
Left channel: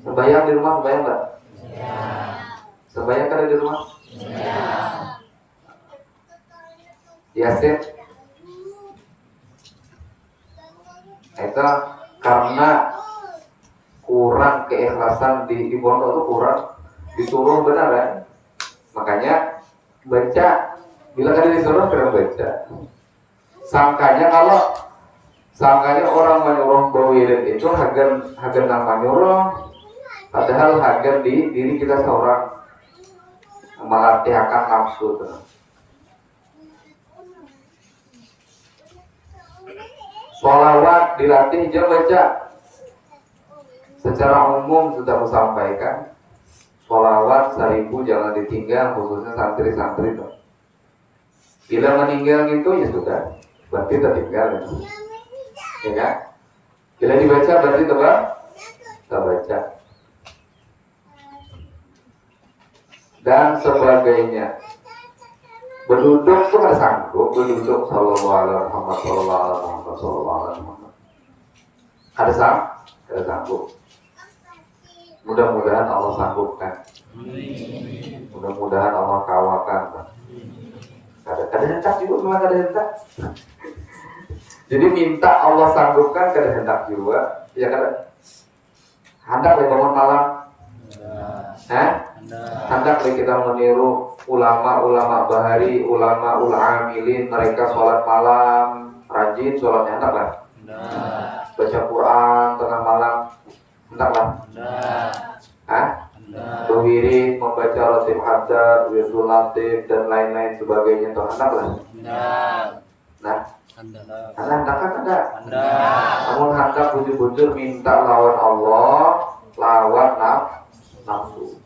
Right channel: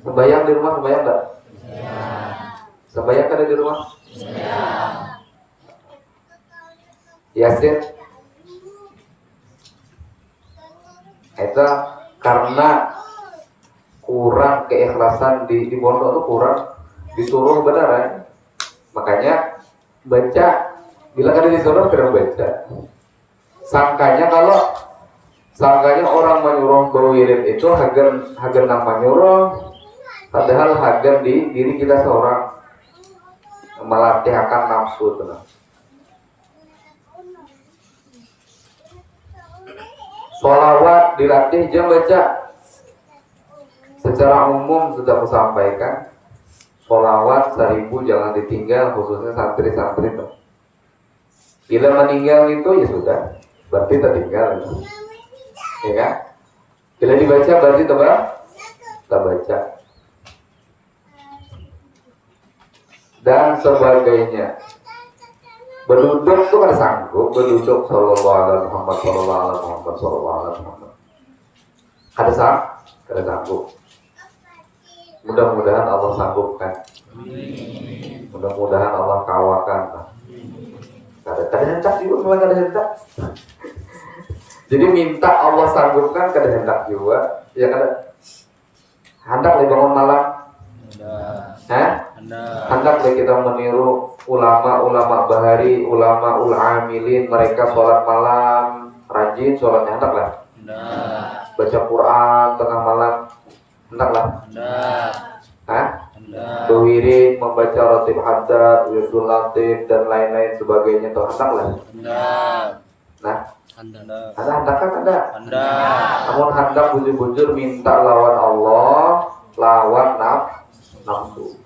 Sembayang di rumah, sembayang enggak? Ya. Sembayang kan di rumah? Ya. Yasin. Itu karena kurang keikhlasan di pondok itu kurang, disuruh benar ya. Makanya baca, bila ada disuruh kurang baca. Sangkanya orang menyuruh berwirid itu hagar nama nyuruh, padahal hagar di diri kita seorang melatih akan nafsu. Sholawat dilatih jam baca. Secara umum sudah aku sampaikan, sholawat 1000 jangan ditinggal, khususnya santri-santri. Bila meninggal itu ya sudah, berarti tertinggal. Ya kan? Bila dibaca berarti terbaca. Dan sebagainya. Berduduk tuh kan sanggup, berduduk sallallahu alaihi Muhammad sallallahu alaihi Muhammad sallallahu alaihi Muhammad. Ada sanggup. Mudah-mudahan Allah sanggupkan. Mudah-mudahan Allah kawakan. Kadang hendak juga, memang kadang hendak. Jadi minta Allah sanggupkan, kadang hendak juga. Ya kadang hendak dibangun malam. Hendak kita meniru ulama bahari, ulama amilin, mereka sholat malam rajin, sholat hendak lah. Baca Quran tengah malam hendak lah. Berwirid, membaca ratib haddad, wirdul latif dan lain-lain sebagainya itu hendak lah. Nah, hendak kan ada. Namun hendak bujur-bujur minta lawan Allah, lawan nafsu.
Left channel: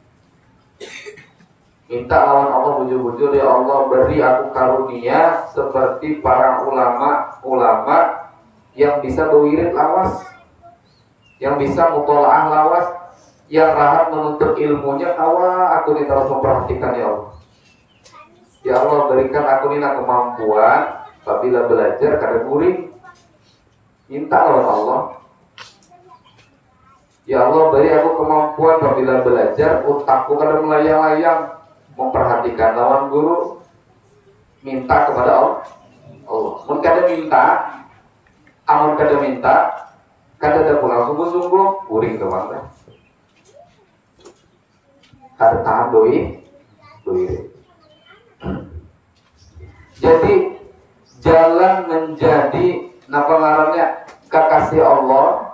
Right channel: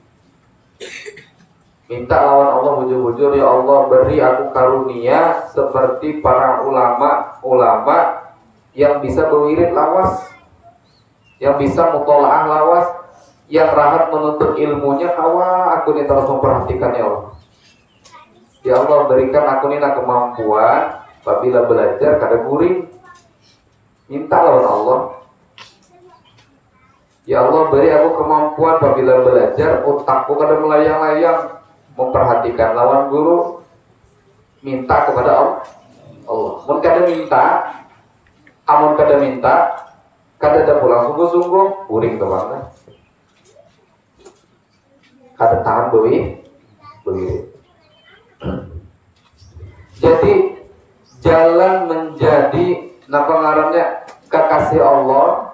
Minta lawan Allah bujur-bujur, ya Allah beri aku karunia seperti para ulama yang bisa berwirid lawas, yang bisa mutolaah lawas, yang rahat menuntut ilmunya kawa. Aku ini terus memperhatikan ya Allah. Ya Allah berikan aku ini kemampuan apabila belajar kada buring. Minta lawan Allah. Ya Allah beri aku kemampuan apabila belajar otakku kada melayang-layang, memperhatikan lawan guru. Minta kepada Allah. Mun kada minta, kada ada pulang sungguh-sungguh, buring ke bangga. Kada tahan duit. Jadi jalan menjadi ngarannya kekasih Allah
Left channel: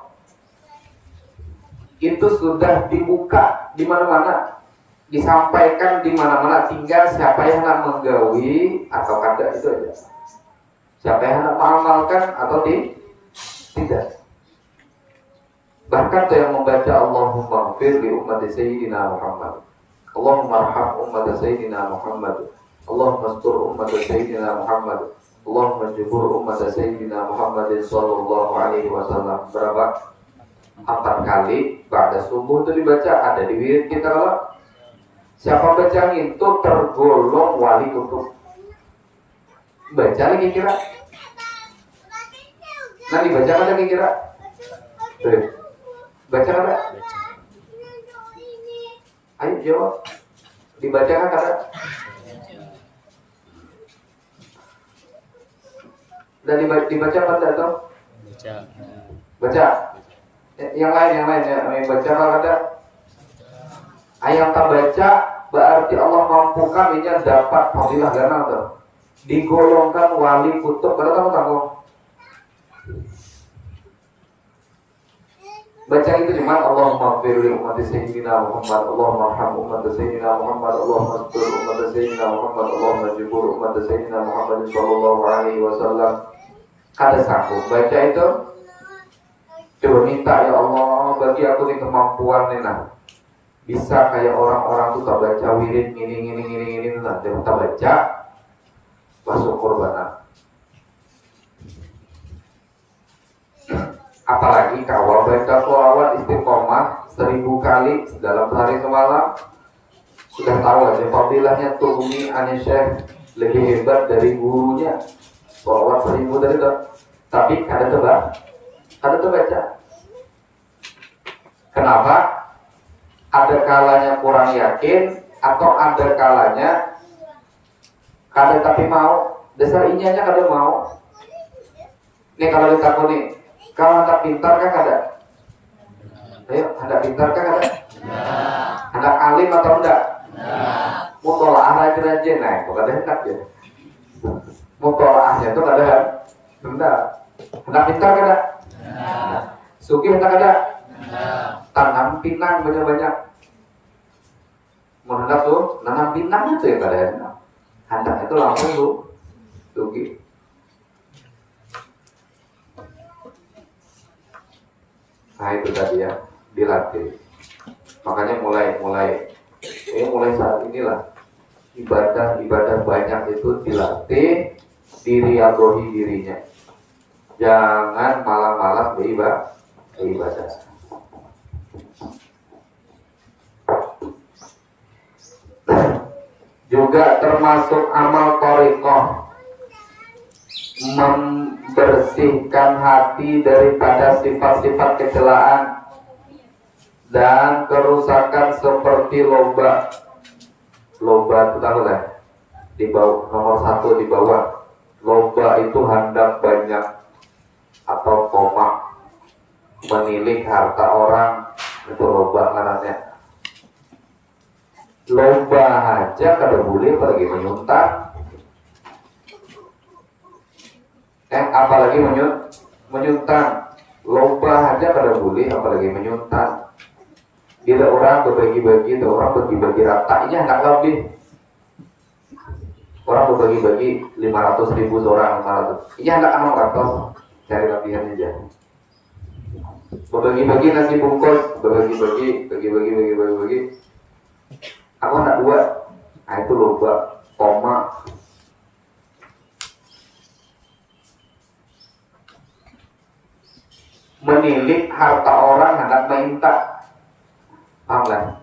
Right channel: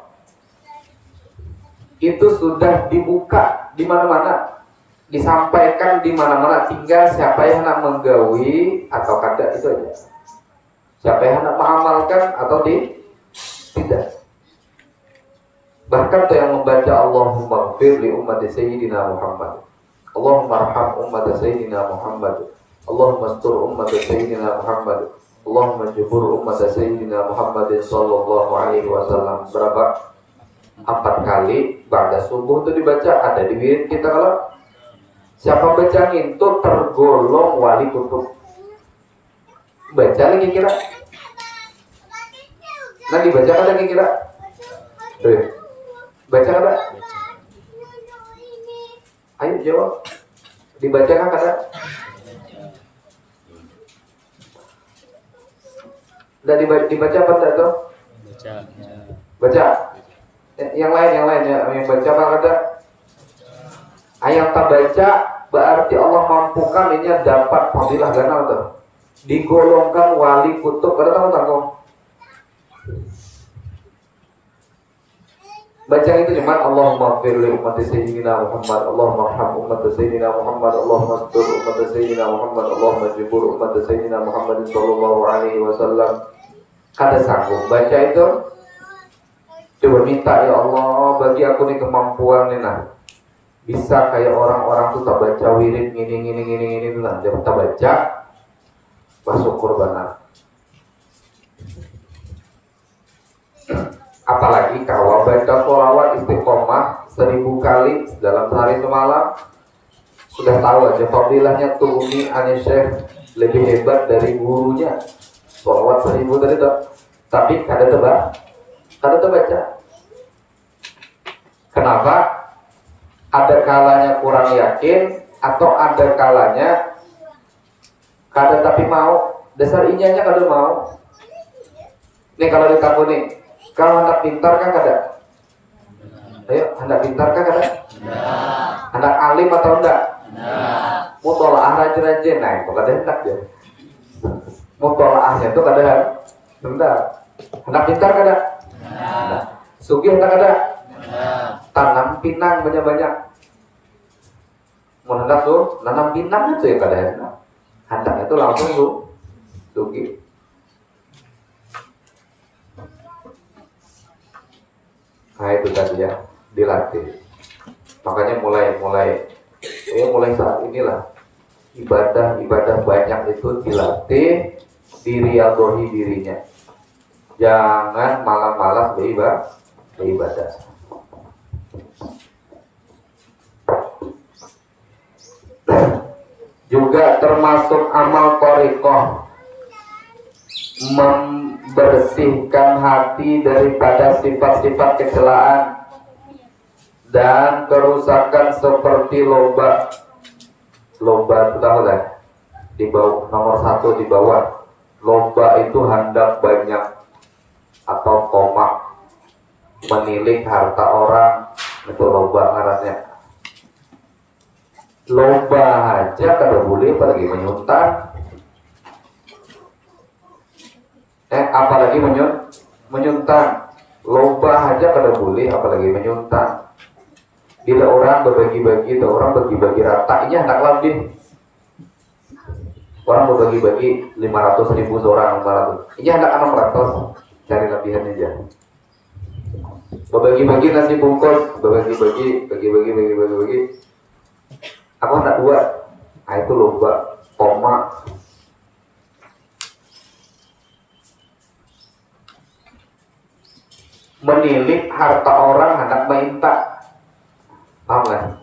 itu sudah dibuka di mana-mana, disampaikan di mana-mana. Tinggal siapa yang nak menggawi atau kada, itu aja. Siapa yang nak mengamalkan atau tidak. Bahkan tuh yang membaca Allahumma ighfir li ummati sayyidina Muhammad, Allahumma arham ummati sayyidina Muhammad, Allahumma astur ummati sayyidina Muhammad, Allahumma jibur ummati sayyidina Muhammad sallallahu alaihi wasallam. Berapa? 4 kali pada subuh itu dibaca. Ada di wirid kita. Kalau siapa baca itu tergolong wali kutub. Baca lagi kira. Nah dibaca lagi kira. Baca kada? Ayo jawab. Dibaca kan kada? Dan dibaca apa tidak itu? Baca. Yang lain ya. Baca apa kada? Ayat tak baca berarti Allah mampukan ini dapat fadilah ganal tuh. Digolongkan wali kutub pada tamu-tamu. Baca itu di mana Allahumma firli umat sayyidina Muhammad, Allahumma arham umat sayyidina Muhammad, Allahumma astur umat sayyidina Muhammad, Allahumma jibur umat sayyidina Muhammad sallallahu alaihi wasallam. Kada sanggup baca itu, coba minta ya Allah bagi aku nih kemampuan nih nah. Bisa kayak orang-orang tuh tak baca wirid ini tuh nah, jangan tak baca masuk korban. Apalagi kalau baca sholawat istiqomah 1000 kali dalam sehari semalam, sudah tahu aja fadilahnya tuh Umi Anisyah lebih hebat dari gurunya. Sholawat 1000 tadi tuh, tapi kada terbaca. Kenapa? Ada kalanya kurang yakin atau ada kalanya kada tapi mau. Dasar inyanya kada mau. Nih kalau ditakut nih, kalau hendak pintar kan ada? Ayo, hendak pintar kan ada? Hendak alim atau enggak? Mau tolak rajin-rajin, nah itu kada hendak ya. Mau tolaknya itu kada hendak. Hendak pintar kan ada? Sugih hendak ada? Tanam pinang banyak-banyak. Mau hendak lu, tanam pinang itu ya kada hendak. Hendak itu langsung lu, sugih. Nah itu tadi ya, dilatih. Makanya mulai saat inilah ibadah banyak itu dilatih, diriadohi dirinya. Jangan malas-malas beribadah. Juga termasuk amal thariqah, membersihkan hati daripada sifat-sifat kecelaan dan kerusakan seperti loba. Loba itu tahu kan? Di bawah nomor 1 di bawah. Loba itu hendak banyak atau komak, menilik harta orang, itu loba ngarannya. Loba aja kada boleh pergi menyuntar. Apalagi menyuntan. Loba aja kada boleh, apalagi menyuntan. Bila orang berbagi-bagi, orang bagi-bagi rata, ini hendak lebih. Orang berbagi-bagi 500.000 seorang, 500. Ini hendak 600, cari lebihan aja. Berbagi-bagi nasi bungkus, bagi-bagi. Aku hendak buat. Nah itu loba, koma. Menilik harta orang hendak minta. Paham kan?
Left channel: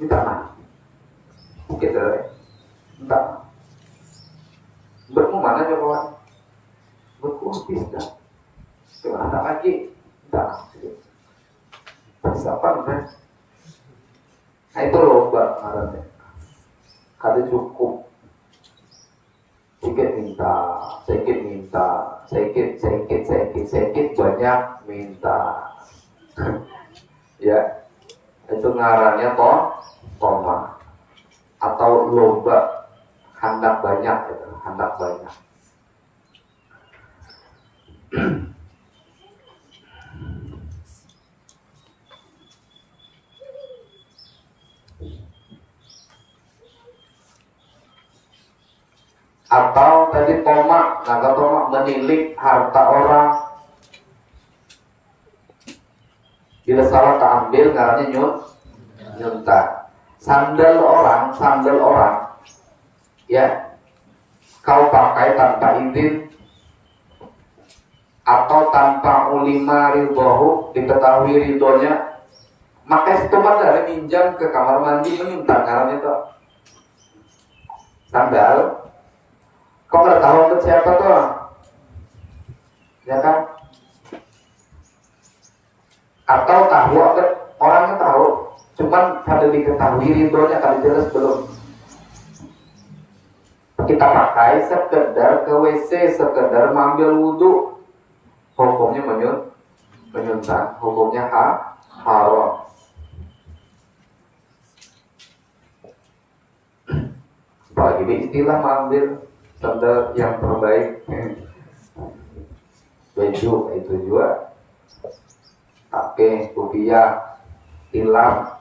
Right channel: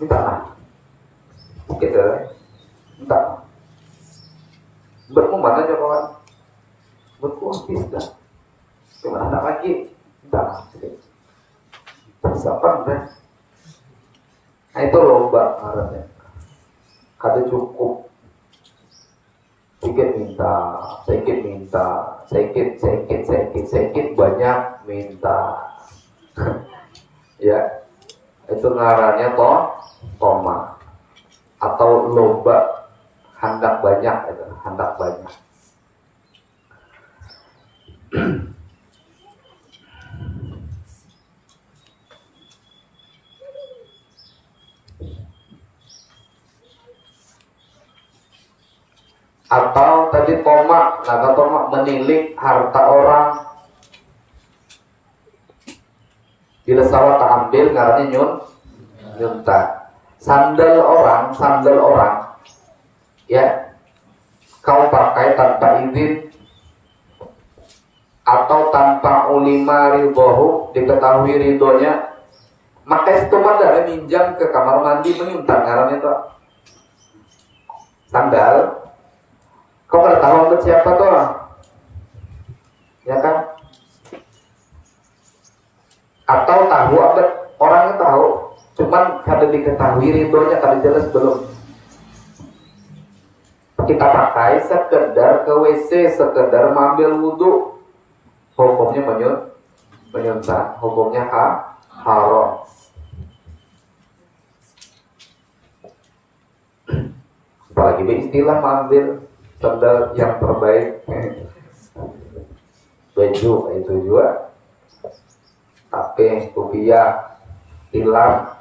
Minta mah. Oke dah. Minta. Berkumana aja kawan. Berkumpis dah. Cuma anak lagi. Minta. Persiapan kan? Nah itu lomba ngarannya. Kada cukup. Sedikit banyak minta. Ya, itu ngarannya toma atau lomba hendak banyak itu, hendak banyak. Atau tadi tomak, nah tomak menilik harta orang. Bila salah tak ambil, karena nyuntak. Sandal orang, ya, kau pakai tanpa izin atau tanpa ulima ridhohu, diketahui ridhonya, maka itu kan dari minjam ke kamar mandi menyuntak, karena itu sandal. Kau nggak tahu untuk siapa tuh orang, ya kan? Atau tahu orangnya tahu, cuman kada diketahui ridhonya, kada jelas belum. Kita pakai sekedar ke WC, sekedar mengambil wudhu, hukumnya menyuntak, hukumnya haram. Apalagi istilah mengambil standar yang terbaik. Baju itu juga HP, rupiah, hilang.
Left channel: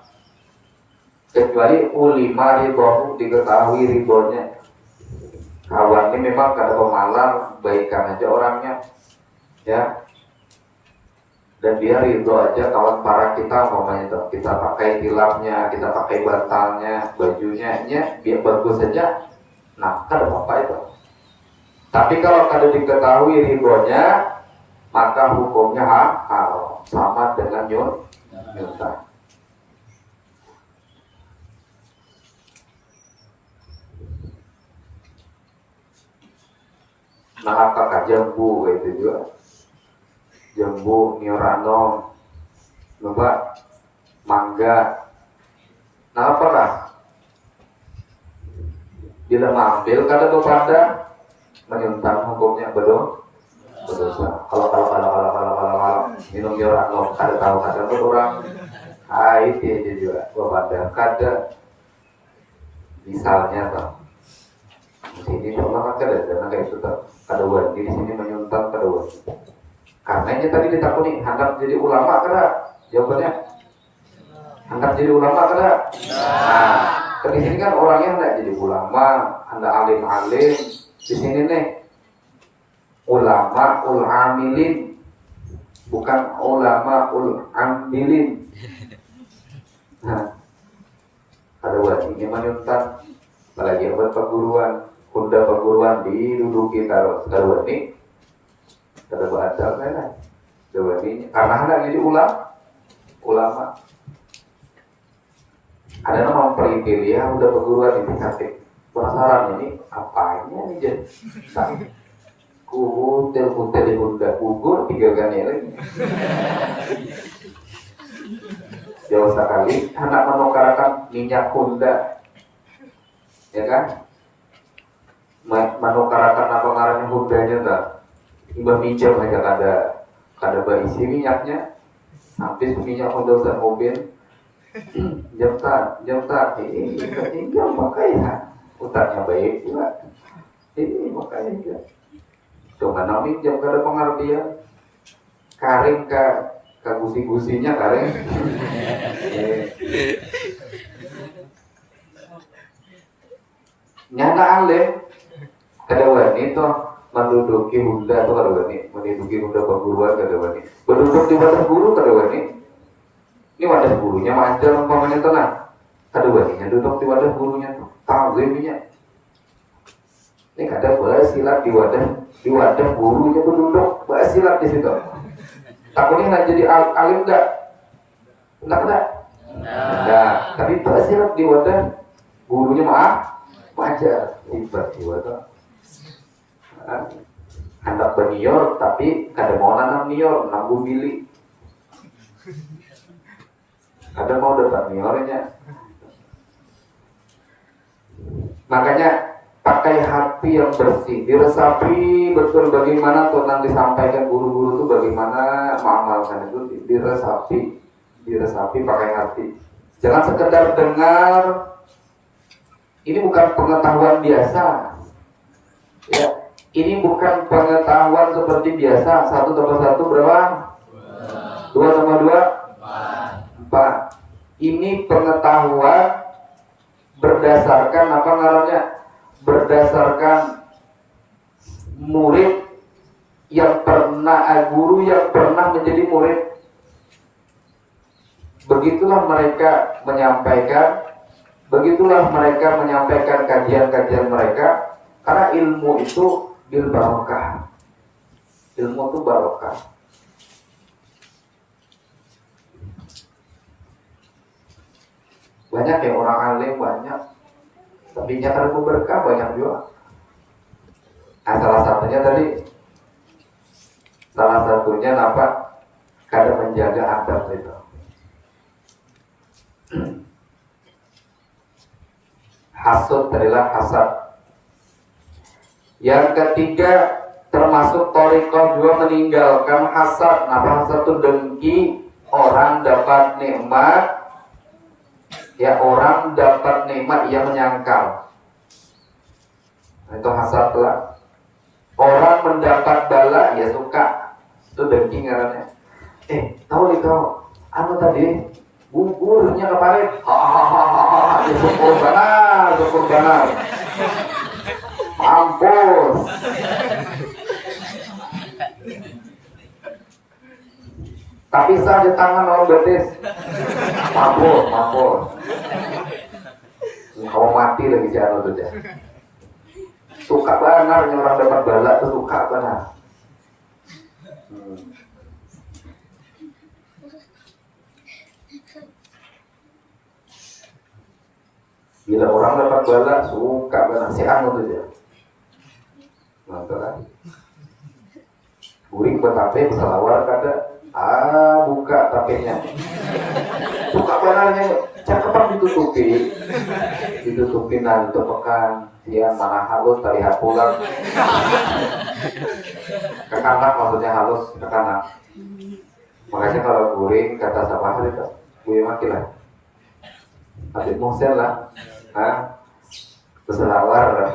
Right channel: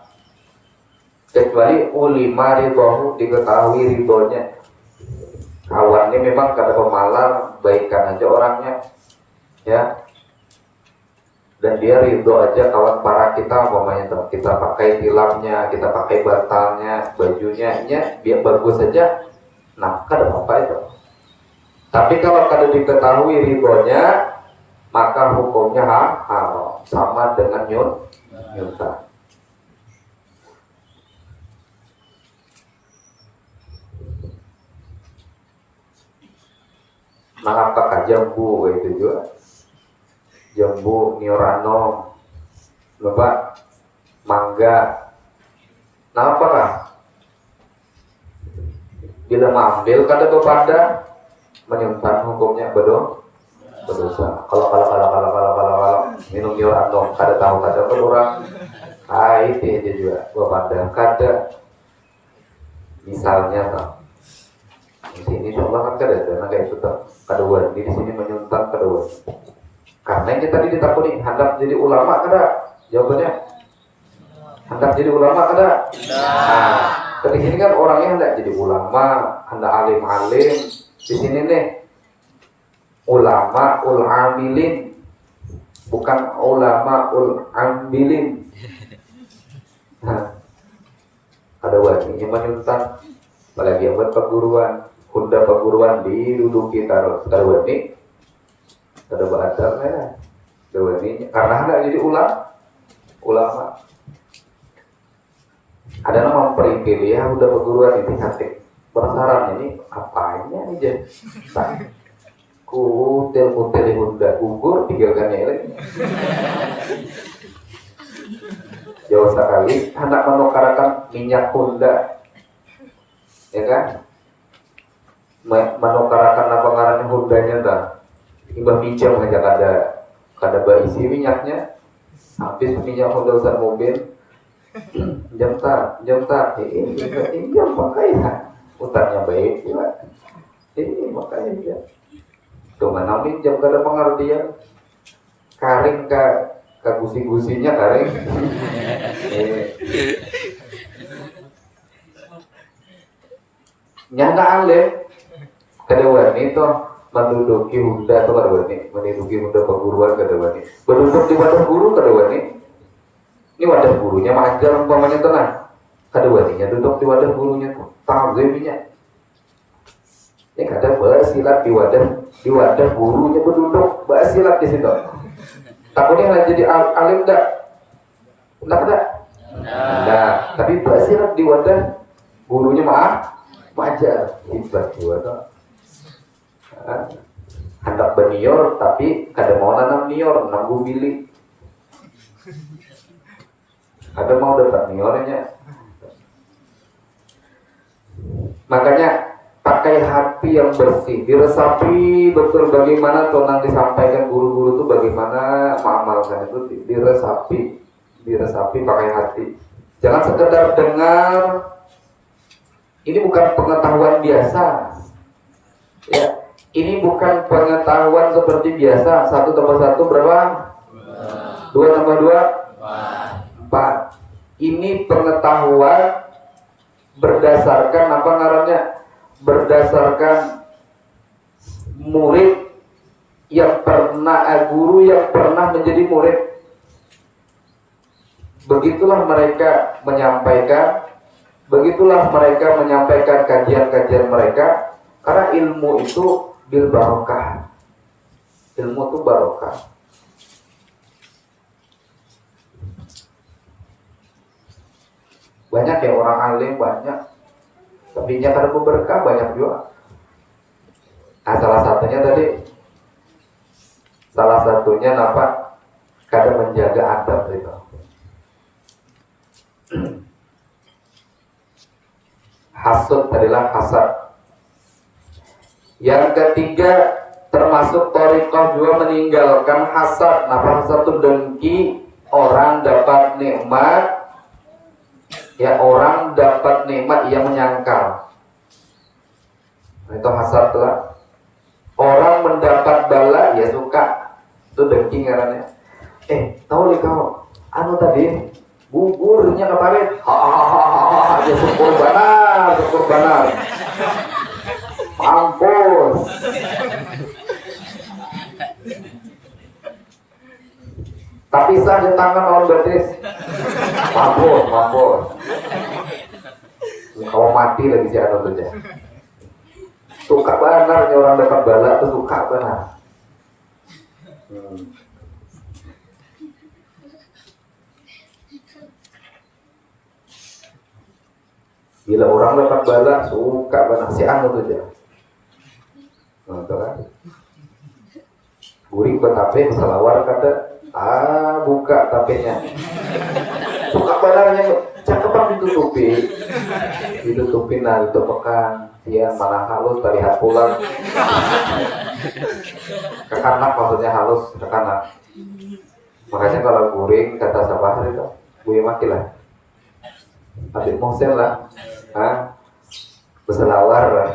Kecuali ulima ridhohu, diketahui ridhonya. Kawannya memang kada pemalar, baikkan aja orangnya, ya. Dan dia ridho aja kawan para kita, umpamanya kita pakai hilangnya, kita pakai bantalnya, bajunya, biar bagus saja. Nah, kada apa itu. Tapi kalau kada diketahui ridhonya, maka hukumnya haram, sama dengan nyuntah. Nah, apakah jambu itu juga? Jambu, niorano, coba mangga. Nah, apakah? Bila mengambil kada kepada menyimpan hukumnya berdosa. Kalau minum niorano kada tahu kada berurang. Ah, itu juga kepada kada. Misalnya tau. Di sini insyaallah kan kada, karena kayak itu kada wajib di sini menyuntang kada wajib. Karena ini tadi ditakuni hendak jadi ulama kada? Jawabannya hendak jadi ulama kada? Nah, di sini kan orangnya hendak jadi ulama, hendak alim-alim. Di sini nih ulama ul amilin, bukan ulama ul ambilin. Nah, ada wajibnya menyuntang, apalagi abad perguruan. Bunda perguruan diduduki taruh ini, ada bahasa lah, ini karena hendak jadi ulama. Ada nama peripil ya, udah perguruan ini cantik. Penasaran ini apanya nih jadi? Kutel di bunda gugur 3 kali lagi. Jauh sekali, hendak menukarakan minyak Honda, ya kan? Menukarakan apa ngarannya Hondanya tak? Imbah minjem aja kada berisi minyaknya, habis minyak Honda usah mobil, jam tak, ini makanya utangnya baik pula, ini makanya cuma namin jam kada pengertian, karing ke gusi-gusinya karing. Nyanda aleh. Kada wani itu menduduki Honda atau kada wani, menduduki Honda perguruan kada wani. Berduduk di wadah guru kada wani. Ini wadah gurunya ajar umpamanya tenang. Kada wani nya duduk di wadah gurunya tazimnya. Ini kada bersilat di wadah gurunya berduduk bersilat di situ. Takutnya nak jadi alim enggak? Enggak. Nah, tapi bersilat di wadah gurunya ajar. Ibarat juga. Hendak bernior tapi kada mau nanam nior, nanggu bili. Kada mau dapat niornya. Makanya pakai hati yang bersih, diresapi betul bagaimana tonan disampaikan guru-guru itu, bagaimana mengamalkan itu, diresapi pakai hati. Jangan sekedar dengar. Ini bukan pengetahuan biasa. Ya. Ini bukan pengetahuan seperti biasa. 1 tambah 1 berapa? 2 tambah 2? 4. Ini pengetahuan berdasarkan apa ngarannya? Berdasarkan murid yang pernah, guru yang pernah menjadi murid. Begitulah mereka menyampaikan kajian-kajian mereka. Karena ilmu itu bil barokah. Ilmu itu barokah. Banyak ya orang alim banyak, tapi jangan berkah banyak juga. Nah, salah satunya apa? Kada menjaga adab itu. Hasud adalah hasad. Yang ketiga termasuk thariqah juga meninggalkan hasad. Nah, hasad itu dengki orang dapat nikmat, ya orang dapat nikmat ia menyangkal. Itu hasad lah. Orang mendapat bala ya suka. Itu dengki ngarannya. Tahu nih kau, anu tadi gugurunya kemarin, ya syukur benar, mampus. Tapi sah di tangan orang betis, mampus. Kau mati lagi si anu tuh. Suka benar nih orang dapat bala tuh suka benar. Bila orang dapat bala suka benar si anu tuh dia. Nonton kan? Guring ke tape selawar kada, buka tapenya. Suka balanya cakepan ditutupin nah itu pekan. Dia mana halus dari pulang ke kanan, maksudnya halus ke kanan. Makanya kalau guring kata sabar itu guring maki lah, adik mongser lah, berselawar lah,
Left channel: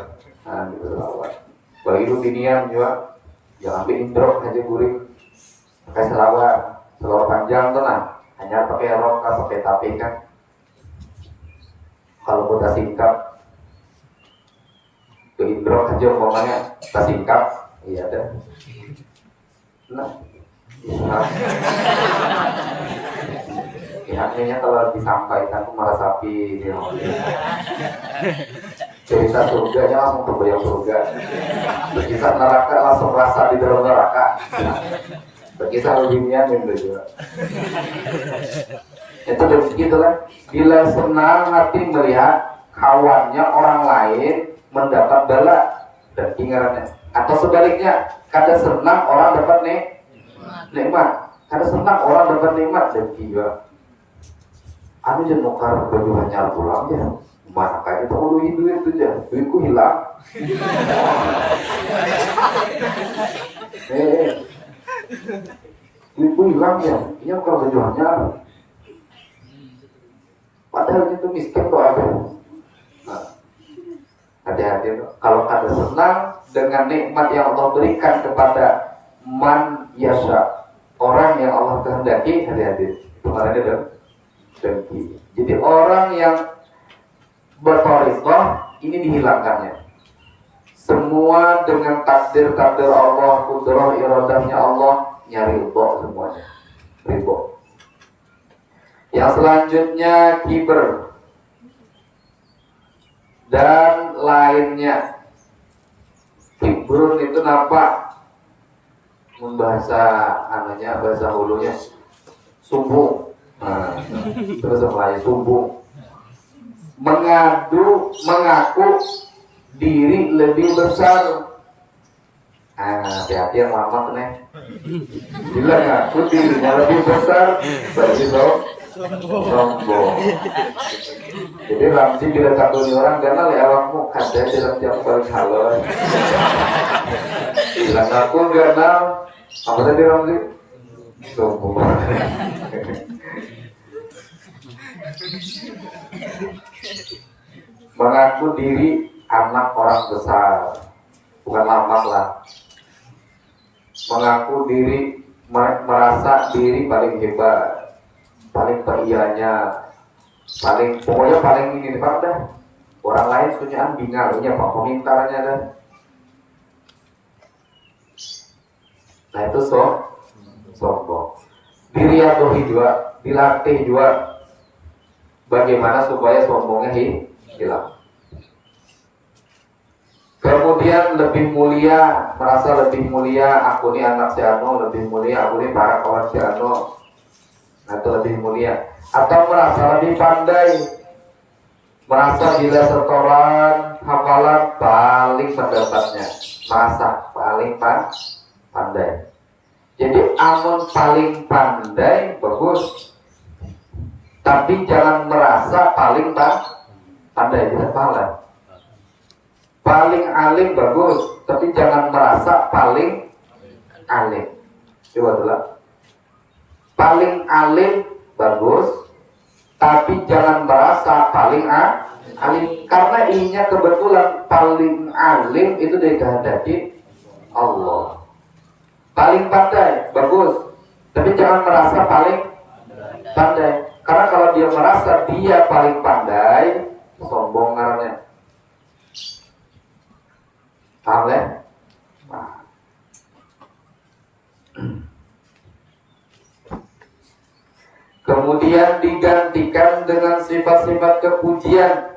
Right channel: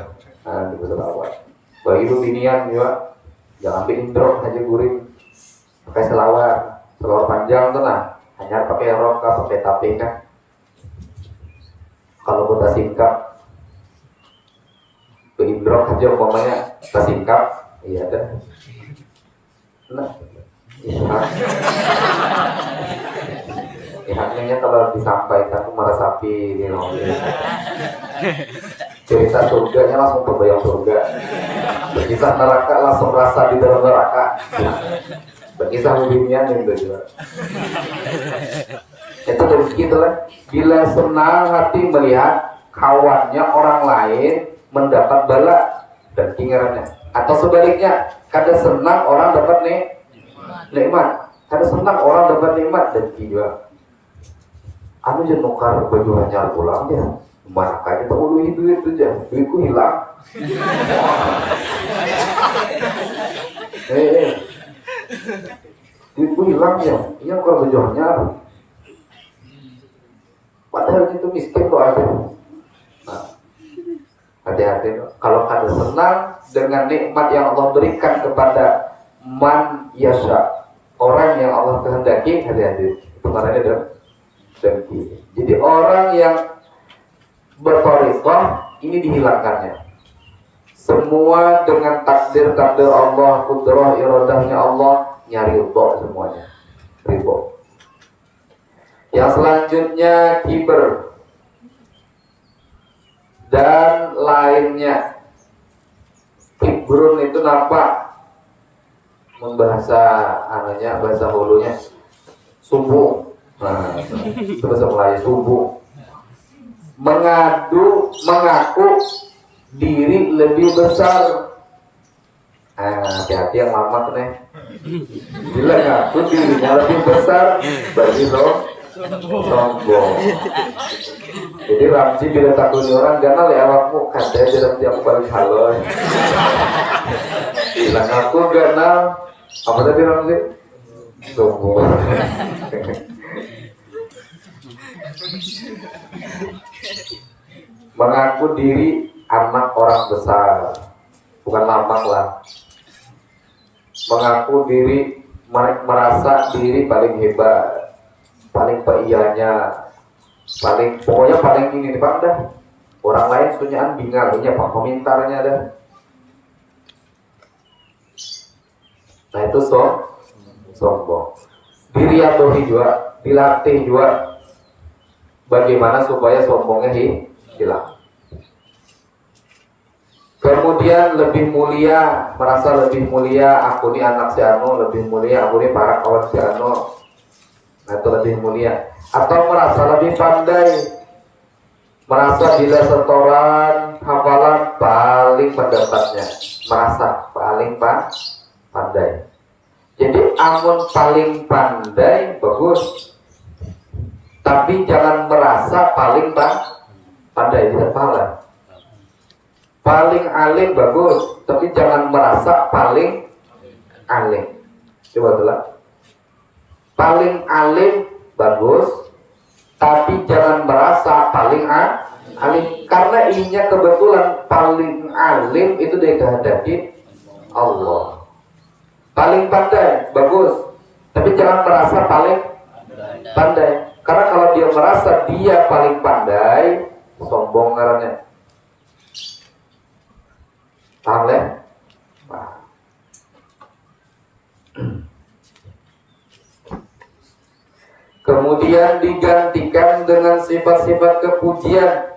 berselawar. Kalau itu ginian juga, jangan ambil intro aja guring, pakai selawar panjang tuh lah, hanya pakai rok, pakai tape kan. Kalau kita singkat ke indrok aja umpamanya kita singkat, iya dah. Nah, akhirnya kalau disampaikan aku meresapi cerita surganya langsung terbayang surga, berkisah neraka langsung rasa di dalam neraka, berkisah dunia juga. Itu dari segitu kan. Bila senang hati melihat kawannya orang lain mendapat bala dan tinggalannya, atau sebaliknya kada senang orang dapat nikmat, kada senang orang dapat nikmat dan juga anu je nukar baju hanyar pulang dia mana kali tahu duit tu je duitku hilang. Duitku hilang ya, ini kalau baju hanyar padahal itu miskin kok ada. Nah, hati-hati kalau ada senang dengan nikmat yang Allah berikan kepada man yasha, orang yang Allah kehendaki, hati-hati. Kemarin ada dengki. Jadi orang yang berthariqah ini dihilangkannya. Semua dengan takdir Allah, kudrah iradahnya Allah, nyari ridho semuanya. Ridho. Yang selanjutnya kiber dan lainnya. Kibrun itu apa? Membahasa anunya, bahasa hulunya subuh. Nah, terus mulai subuh. Mengaku diri lebih besar. Hati-hati yang lama tuh nih. Bila ngaku dirinya lebih besar, berarti sombong. Jadi Ramzi bila takut orang kenal ya awakmu katanya dalam tiap balik halo. Bila ngaku kenal apa tadi Ramzi? Sombong. Mengaku diri anak orang besar, bukan lambang lah. Mengaku diri, merasa diri paling hebat, paling perianya, pokoknya paling ingin dah. Orang lain sebenarnya bingarnya, pemintarnya dah. Nah itu sombong. Diri yang juga, dilatih juga. Bagaimana supaya sombongnya hilang. Kemudian lebih mulia, merasa lebih mulia, aku ini anak si Ano, lebih mulia, aku ini para kawan si Ano, atau lebih mulia. Atau merasa lebih pandai, merasa bila setoran, hafalan paling pendapatnya, merasa paling pandai. Jadi amun paling pandai bagus, tapi jangan merasa paling pandai, tidak salah. Paling alim bagus, tapi jangan merasa paling alim. Coba dulu. Paling alim bagus, Tapi jangan merasa paling alim, karena inya kebetulan paling alim itu dikehendaki Allah. Paling pandai, bagus. Tapi jangan merasa paling pandai. Karena kalau dia merasa dia paling pandai, sombong karena. Paham ya? Nah. Kemudian digantikan dengan sifat-sifat kepujian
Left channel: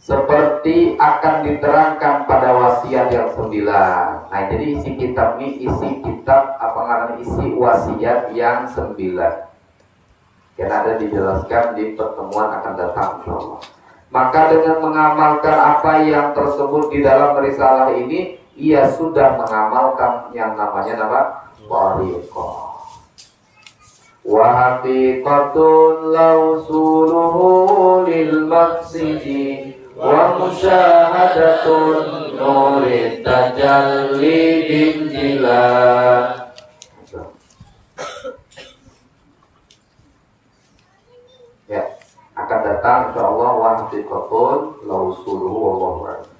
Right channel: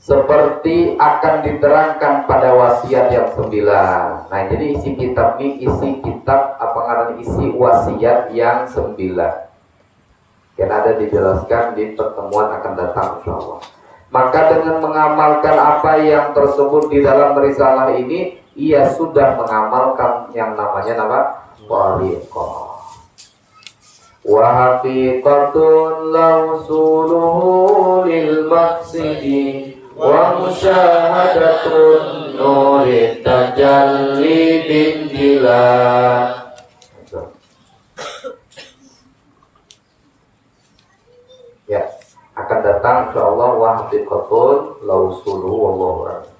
seperti akan diterangkan pada wasiat yang 9. Nah, jadi isi kitab ini isi kitab apa namanya, isi wasiat yang 9. Dan ada dijelaskan di pertemuan akan datang insyaallah. Maka dengan mengamalkan apa yang tersebut di dalam risalah ini, ia sudah mengamalkan yang namanya thariqah. Wa haqiqatun lausuluhu lil maqsidi wa musyahadatun nurid tajalli bin jilal. Ya, akan datang insyaallah wa haqiqatun lausuluhu wallahu a'lam.